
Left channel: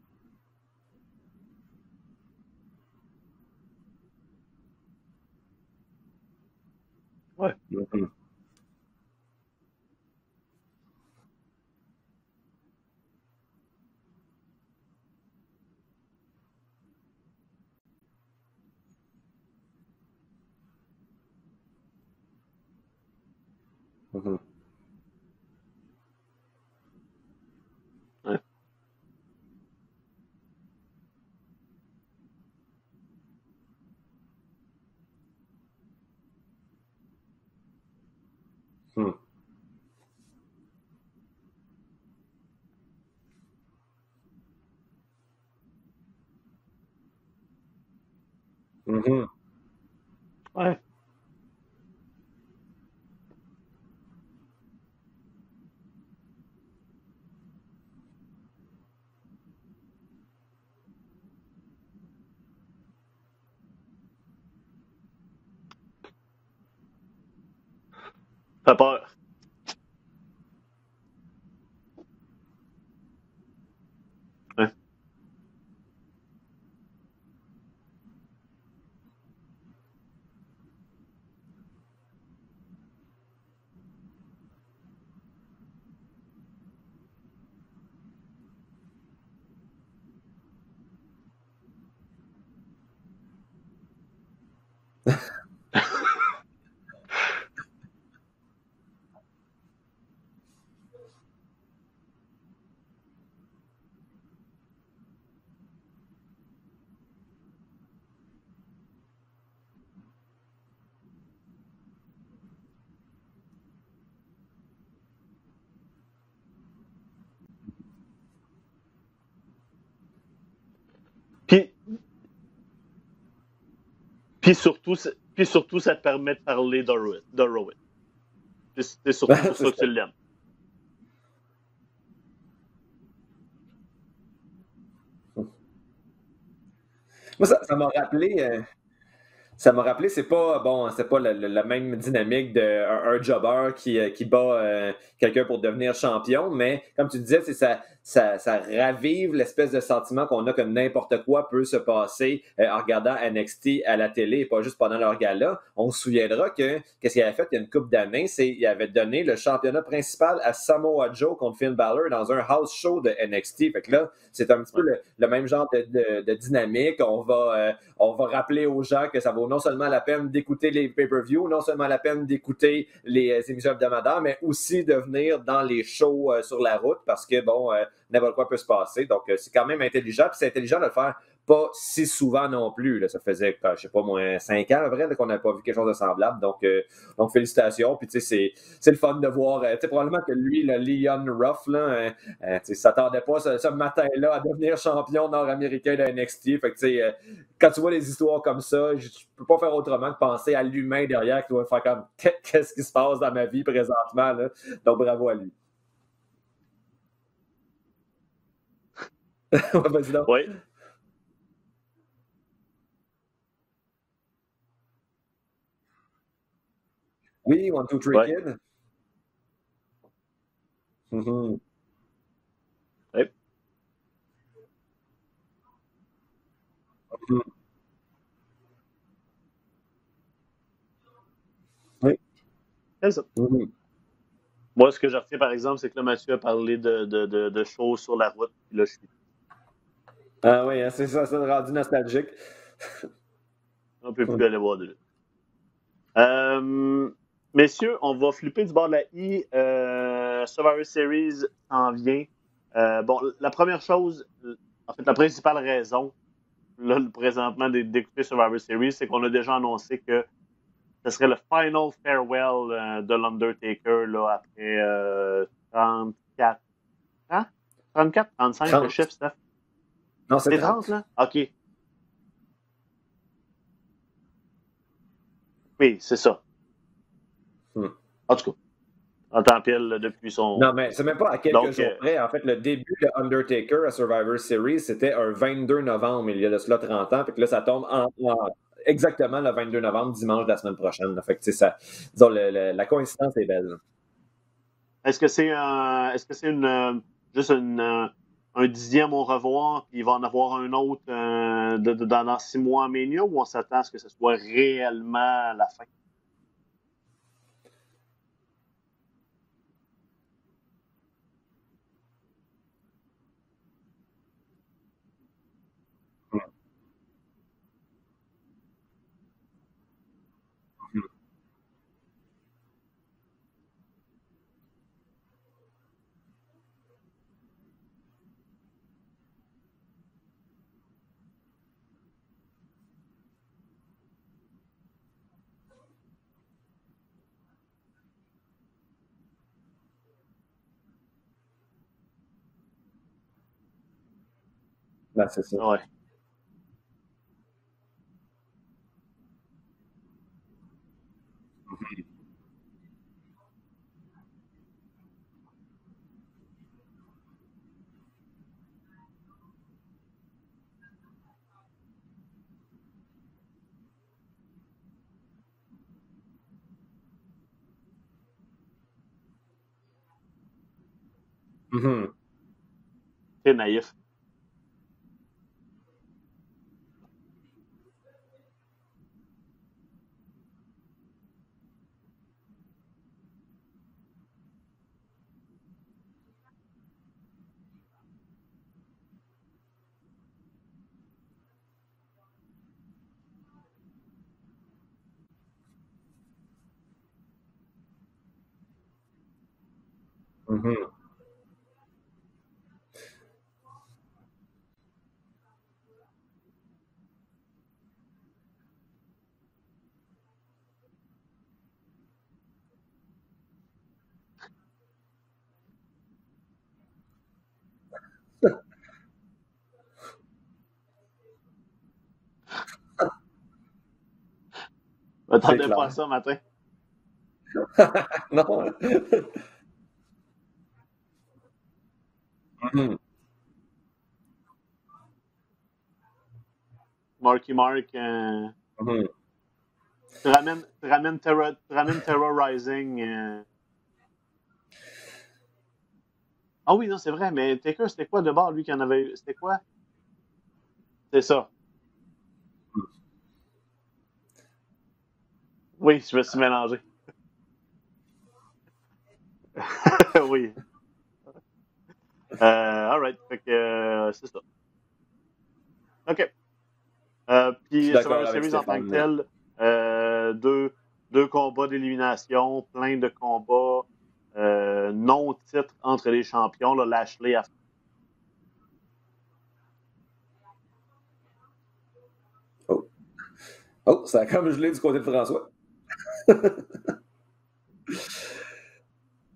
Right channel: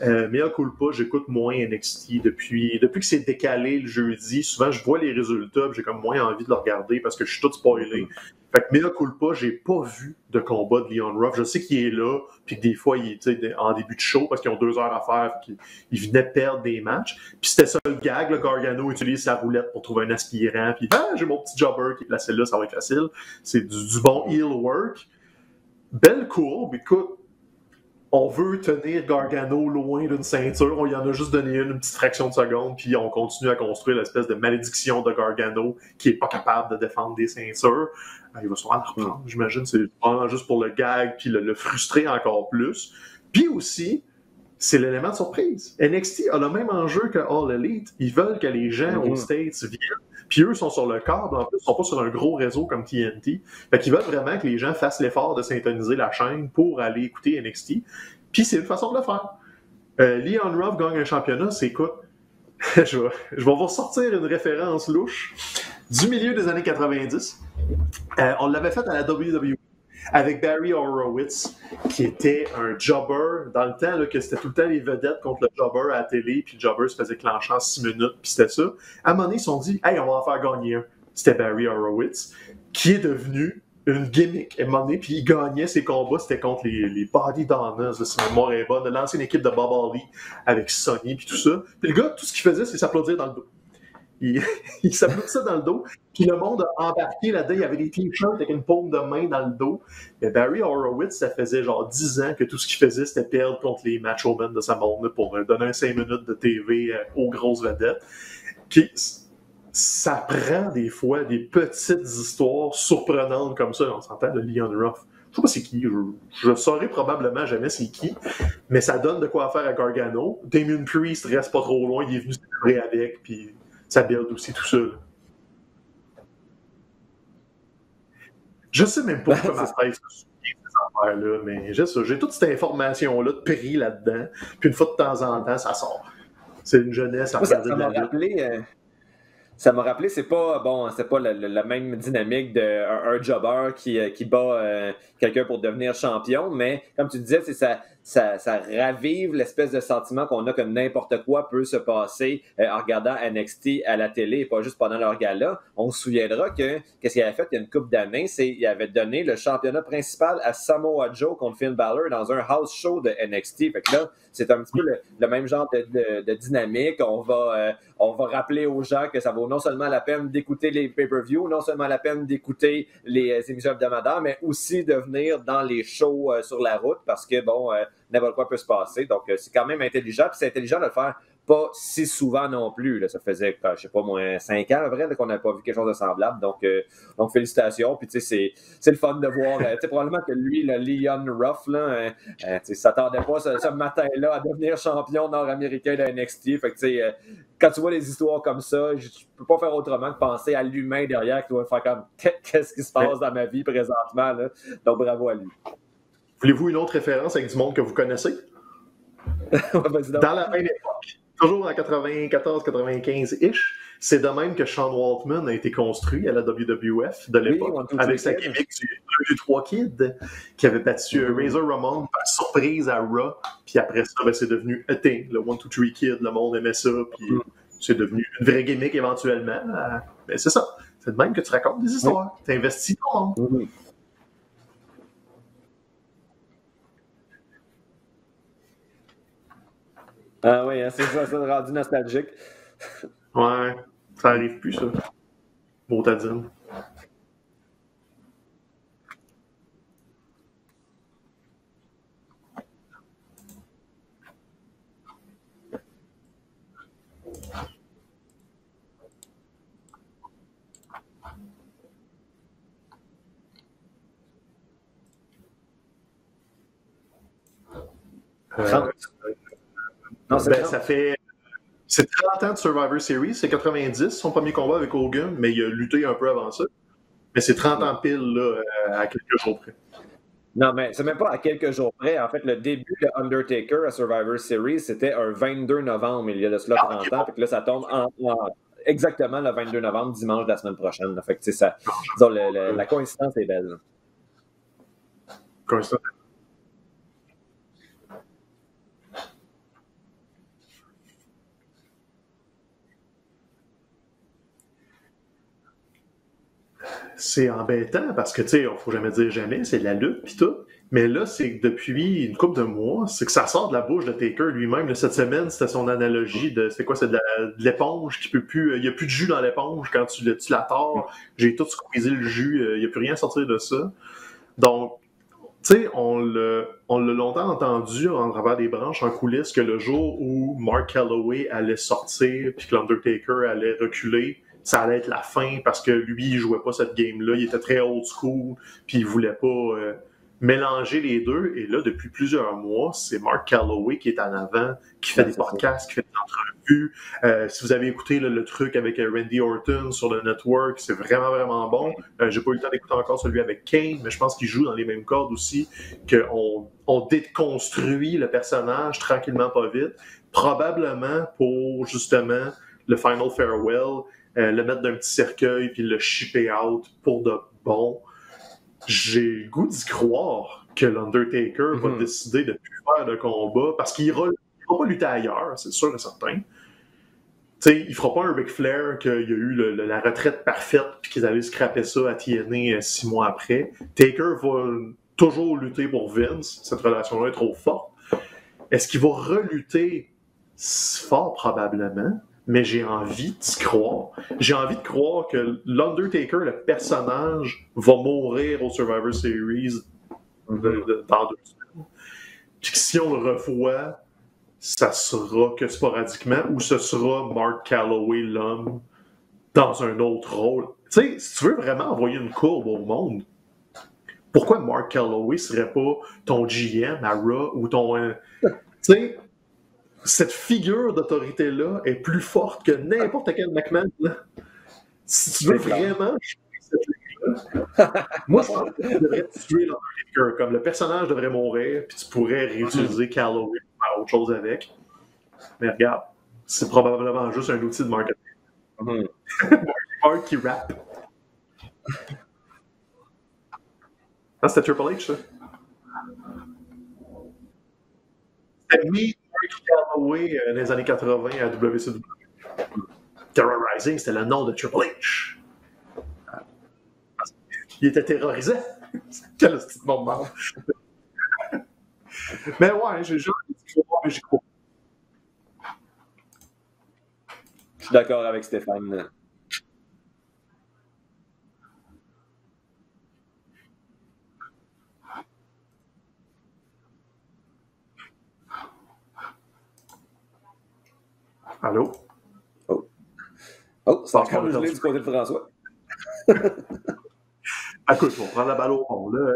Mea culpa, j'écoute moins NXT depuis que c'est décalé le jeudi. Souvent, je vois les résultats, j'ai comme moins envie de le regarder parce que je suis tout spoilé. Fait que Mea culpa, j'ai pas vu de combat de Leon Ruff. Je sais qu'il est là, puis que des fois, il est en début de show parce qu'ils ont 2 heures à faire, puis qu'il venait perdre des matchs. Puis c'était ça le gag, le Gargano utilise sa roulette pour trouver un aspirant, puis j'ai mon petit jobber qui est placé là, ça va être facile. C'est du bon heel work. Belle courbe, écoute. On veut tenir Gargano loin d'une ceinture. On y en a juste donné une petite fraction de seconde, puis on continue à construire l'espèce de malédiction de Gargano qui n'est pas capable de défendre des ceintures. Il va sûrement la reprendre, j'imagine. C'est vraiment juste pour le gag, puis le frustrer encore plus. Puis aussi, c'est l'élément de surprise. NXT a le même enjeu que All Elite. Ils veulent que les gens aux States viennent. Puis eux sont sur le câble, en plus, ils sont pas sur un gros réseau comme TNT. Fait qu'ils veulent vraiment que les gens fassent l'effort de syntoniser la chaîne pour aller écouter NXT. Puis c'est une façon de le faire. Leon Ruff gagne un championnat, c'est quoi? Je vais vous ressortir une référence louche du milieu des années 90. On l'avait fait à la WWE avec Barry Horowitz, qui était un jobber dans le temps, là, que c'était tout le temps les vedettes contre le jobber à la télé, puis le jobber se faisait clencher en 6 minutes, puis c'était ça. À un moment donné, ils se sont dit « Hey, on va en faire gagner un ». C'était Barry Horowitz, qui est devenu une gimmick. À un moment donné, puis il gagnait ses combats, c'était contre les Body Donnas, si ma mémoire est bonne, de l'ancienne équipe de Bob Holly, avec Sonny, puis tout ça. Puis le gars, tout ce qu'il faisait, c'est s'applaudir dans le dos. Il s'applaudissait dans le dos. Tout le monde a embarqué là-dedans. Il y avait des t-shirts avec une paume de main dans le dos. Et Barry Horowitz, ça faisait genre 10 ans que tout ce qu'il faisait, c'était perdre contre les macho men de sa monde pour donner un 5 minutes de TV aux grosses vedettes. Puis, ça prend des fois des petites histoires surprenantes comme ça. On s'entend de Leon Ruff. Je sais pas c'est qui. Je saurais probablement jamais c'est qui. Mais ça donne de quoi faire à Gargano. Damien Priest reste pas trop loin. Il est venu célébrer avec. Puis ça build aussi. Puis surtout, ça te permet de parler d'Horowitz. Je sais même pas ces affaires-là, mais j'ai toute cette information-là de prix là-dedans. Puis une fois de temps en temps, ça sort. C'est une jeunesse. Ça m'a rappelé... Ça m'a rappelé, c'est pas la même dynamique d'un jobber qui bat quelqu'un pour devenir champion, mais comme tu disais, ça ravive l'espèce de sentiment qu'on a que n'importe quoi peut se passer en regardant NXT à la télé et pas juste pendant leur gala. On se souviendra que qu'est-ce qu'il avait fait il y a une couple d'années, c'est qu'il avait donné le championnat principal à Samoa Joe contre Finn Balor dans un house show de NXT. Fait que là, c'est un petit peu le même genre de dynamique. On va rappeler aux gens que ça vaut non seulement la peine d'écouter les pay-per-views, non seulement la peine d'écouter les émissions hebdomadaires, mais aussi de venir dans les shows sur la route parce que, n'importe quoi peut se passer. Donc, c'est quand même intelligent. Puis c'est intelligent de le faire pas si souvent non plus. Là. Ça faisait, je sais pas, moins 5 ans, à vrai, qu'on n'avait pas vu quelque chose de semblable. Donc félicitations. Puis, tu sais, c'est le fun de voir. Tu sais, probablement que lui, le Leon Ruff, là, tu sais, s'attendait pas ce matin-là à devenir champion nord-américain de NXT. Fait que, tu sais, quand tu vois des histoires comme ça, je peux pas faire autrement que penser à l'humain derrière qui doit faire comme qu'est-ce qui se passe dans ma vie présentement, là. Donc, bravo à lui. Voulez-vous une autre référence avec du monde que vous connaissez? Dans la même époque, toujours en 94-95-ish, c'est de même que Sean Waltman a été construit à la WWF de l'époque, avec sa gimmick du 2-3 Kid qui avait battu Razor Ramon par surprise à Raw, puis après ça, c'est devenu A Thing, le 1-2-3 Kid, le monde aimait ça, puis c'est devenu une vraie gimmick éventuellement. Mais c'est ça, c'est de même que tu racontes des histoires, tu investis dans ça. Moi, ce que je retiens, par exemple, c'est que là, Mathieu a parlé de shows sur la route. Là, je suis... Ah oui, hein, c'est ça rendu nostalgique. Ouais. On peut plus aller voir. Bon, messieurs, on va flipper du bord de la I. Survivor Series en vient. La première chose, en fait, la principale raison, là, présentement, d'écouter Survivor Series, c'est qu'on a déjà annoncé que ce serait le final farewell de l'Undertaker là, après 34 ans? 34? 35 le chiffre, ça? Non, c'est ça fait... OK. C'est 30 ans de Survivor Series, c'est 90, son premier combat avec Hogan, mais il a lutté un peu avant ça. Mais c'est 30 ans pile, là, à quelques jours. 30 ans pile, là, depuis son... Non, mais c'est même pas à quelques jours près. En fait, le début de Undertaker à Survivor Series, c'était un 22 novembre, il y a de cela 30 ans. Fait que là, ça tombe exactement le 22 novembre, dimanche de la semaine prochaine. Là. Fait que, ça, disons, la coïncidence est belle. Est-ce que c'est juste 10e au revoir, puis il va en avoir un autre dans 6 mois à Mania, ou on s'attend à ce que ce soit réellement la fin? C'est embêtant parce que, tu sais, il ne faut jamais dire jamais, c'est de la lutte pis tout. Mais là, c'est que depuis une couple de mois, c'est que ça sort de la bouche de Taker lui-même. Là, cette semaine, c'était son analogie de c'est quoi, c'est de l'éponge qui peut plus. Il n'y a plus de jus dans l'éponge quand tu la tords. J'ai tout squeezé le jus, il n'y a plus rien à sortir de ça. Donc, tu sais, on l'a longtemps entendu en travers des branches en coulisses que le jour où Mark Calloway allait sortir puis que l'Undertaker allait reculer, ça allait être la fin parce que lui, il jouait pas cette game-là. Il était très old school puis il voulait pas mélanger les deux. Et là, depuis plusieurs mois, c'est Mark Calloway qui est en avant, qui fait des podcasts, qui fait des entrevues. Si vous avez écouté le truc avec Randy Orton sur le network, c'est vraiment, vraiment bon. J'ai pas eu le temps d'écouter encore celui avec Kane, mais je pense qu'il joue dans les mêmes cordes aussi, qu'on déconstruit le personnage tranquillement, pas vite, probablement pour, justement, le Final Farewell, le mettre dans un petit cercueil puis le shipper out pour de bon. J'ai le goût d'y croire que l'Undertaker va décider de ne plus faire de combat parce qu'il ne va pas lutter ailleurs, c'est sûr et certain. T'sais, il ne fera pas un Ric Flair qu'il y a eu la retraite parfaite puis qu'ils avaient scrappé ça à TNA 6 mois après. Taker va toujours lutter pour Vince. Cette relation-là est trop forte. Est-ce qu'il va relutter fort probablement? Mais j'ai envie d'y croire. J'ai envie de croire que l'Undertaker, le personnage, va mourir au Survivor Series dans 2 semaines. Puis que si on le revoit, ça sera que sporadiquement, ou ce sera Mark Calloway, l'homme, dans un autre rôle. Tu sais, si tu veux vraiment envoyer une courbe au monde, pourquoi Mark Calloway serait pas ton GM à Raw ou ton... tu sais... Cette figure d'autorité-là est plus forte que n'importe quel McMahon. Si tu veux vraiment... Moi, je pense que tu devrais tuer l'Undertaker. Comme le personnage devrait mourir, puis tu pourrais réutiliser Calloway pour faire autre chose avec. Mais regarde, c'est probablement juste un outil de marketing. Ramène Terror Rising. Ah, c'était Triple H, ça? Ah oui, non, c'est vrai, mais Taker, c'était quoi de bord, lui, qui avait... C'était quoi? Oui, dans les années 80 à WCW. Terrorizing, c'était le nom de Triple H. Oui, je me suis mélangé. Il était terrorisé. Quel oui. Mais ouais, j'ai OK. Je suis d'accord avec Stéphane. Deux combats d'élimination, plein de combats. Non-titre entre les champions, là, Lashley a... Allô? Oh, c'est encore gelé du côté de François. Écoute, on prend la balle au fond, là.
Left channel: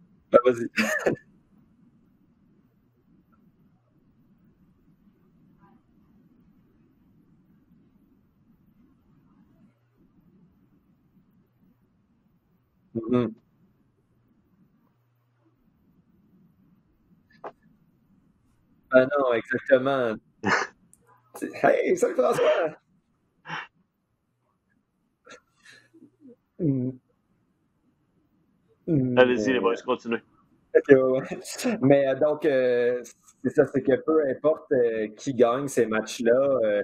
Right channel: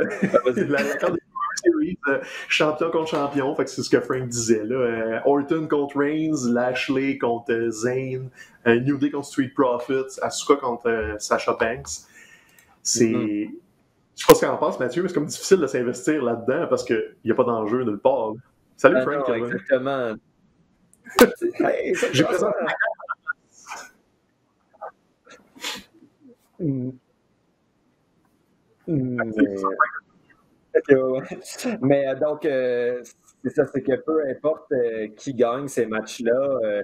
Champion contre champion, fait que c'est ce que Frank disait, là. Orton contre Reigns, Lashley contre Zayn, New Day contre Street Profits, Asuka contre Sasha Banks. C'est... Je sais pas ce qu'on en pense, Mathieu, mais c'est comme difficile de s'investir là-dedans parce qu'il n'y a pas d'enjeu nulle part. Là. Salut, Frank. Non, exactement. Hey, ça Allez-y, on va continuer. Okay, mais donc, c'est ça, c'est que peu importe qui gagne ces matchs-là,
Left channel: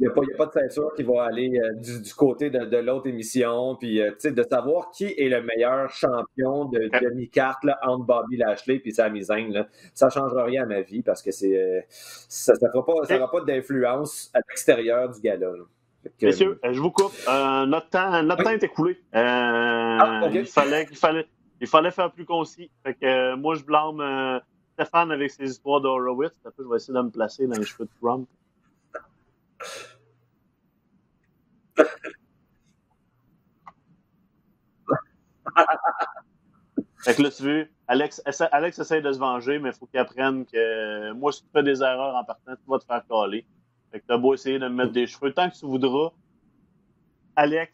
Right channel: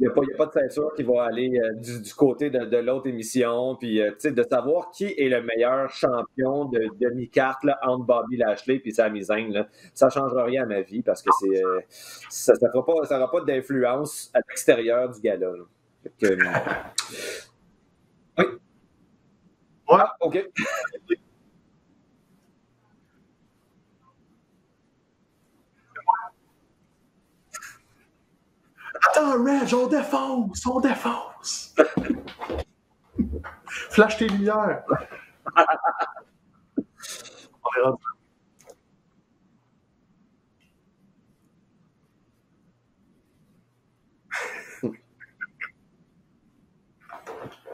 il n'y a pas de ceinture qui va aller du côté de l'autre émission. Puis, de savoir qui est le meilleur champion de demi-carte entre Bobby Lashley et Sami Zayn, là, ça ne changera rien à ma vie parce que ça n'aura pas d'influence à l'extérieur du gala. C'est sûr, je vous coupe. Notre temps est écoulé. Okay. Il fallait faire plus concis. Fait que moi, je blâme Stéphane avec ses histoires d'Horowitz. Je vais essayer de me placer dans les cheveux de Trump. Attends, Reg, on défonce! Flash tes lumières! Fait que là, tu veux, Alex essaie de se venger, mais il faut qu'il apprenne que moi, si tu fais des erreurs en partant, tu vas te faire caler. Fait que t'as beau essayer de me mettre des cheveux tant que tu voudras. Alex,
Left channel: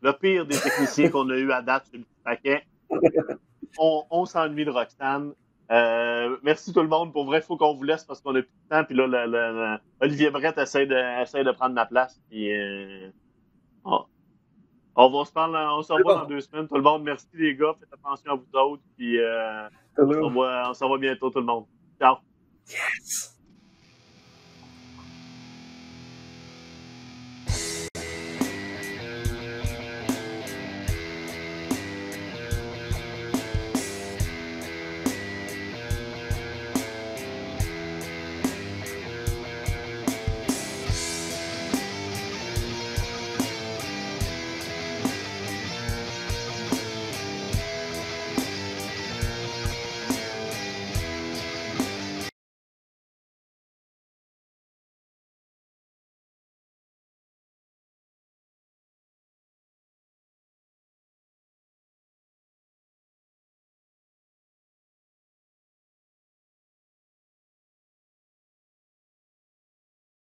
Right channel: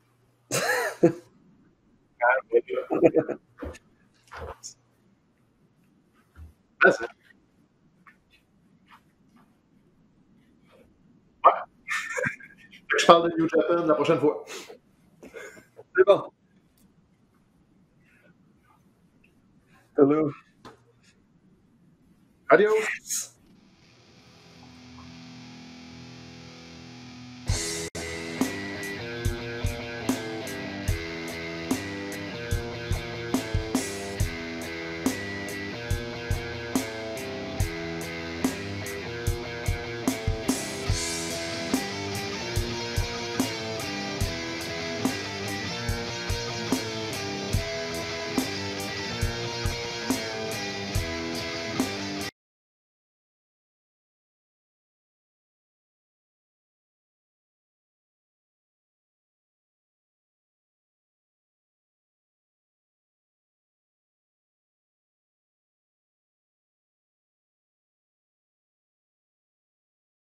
le pire des techniciens qu'on a eu à date sur le paquet, on s'ennuie de Roxane. Merci tout le monde. Pour vrai, il faut qu'on vous laisse parce qu'on a plus de temps. Puis là, Olivier Brett essaie de prendre la place. Puis, je parle de New Japan la prochaine fois. On se revoit dans 2 semaines. Tout le monde, merci les gars. Faites attention à vous autres. Puis on se revoit bientôt tout le monde. Ciao. Adios! Yes!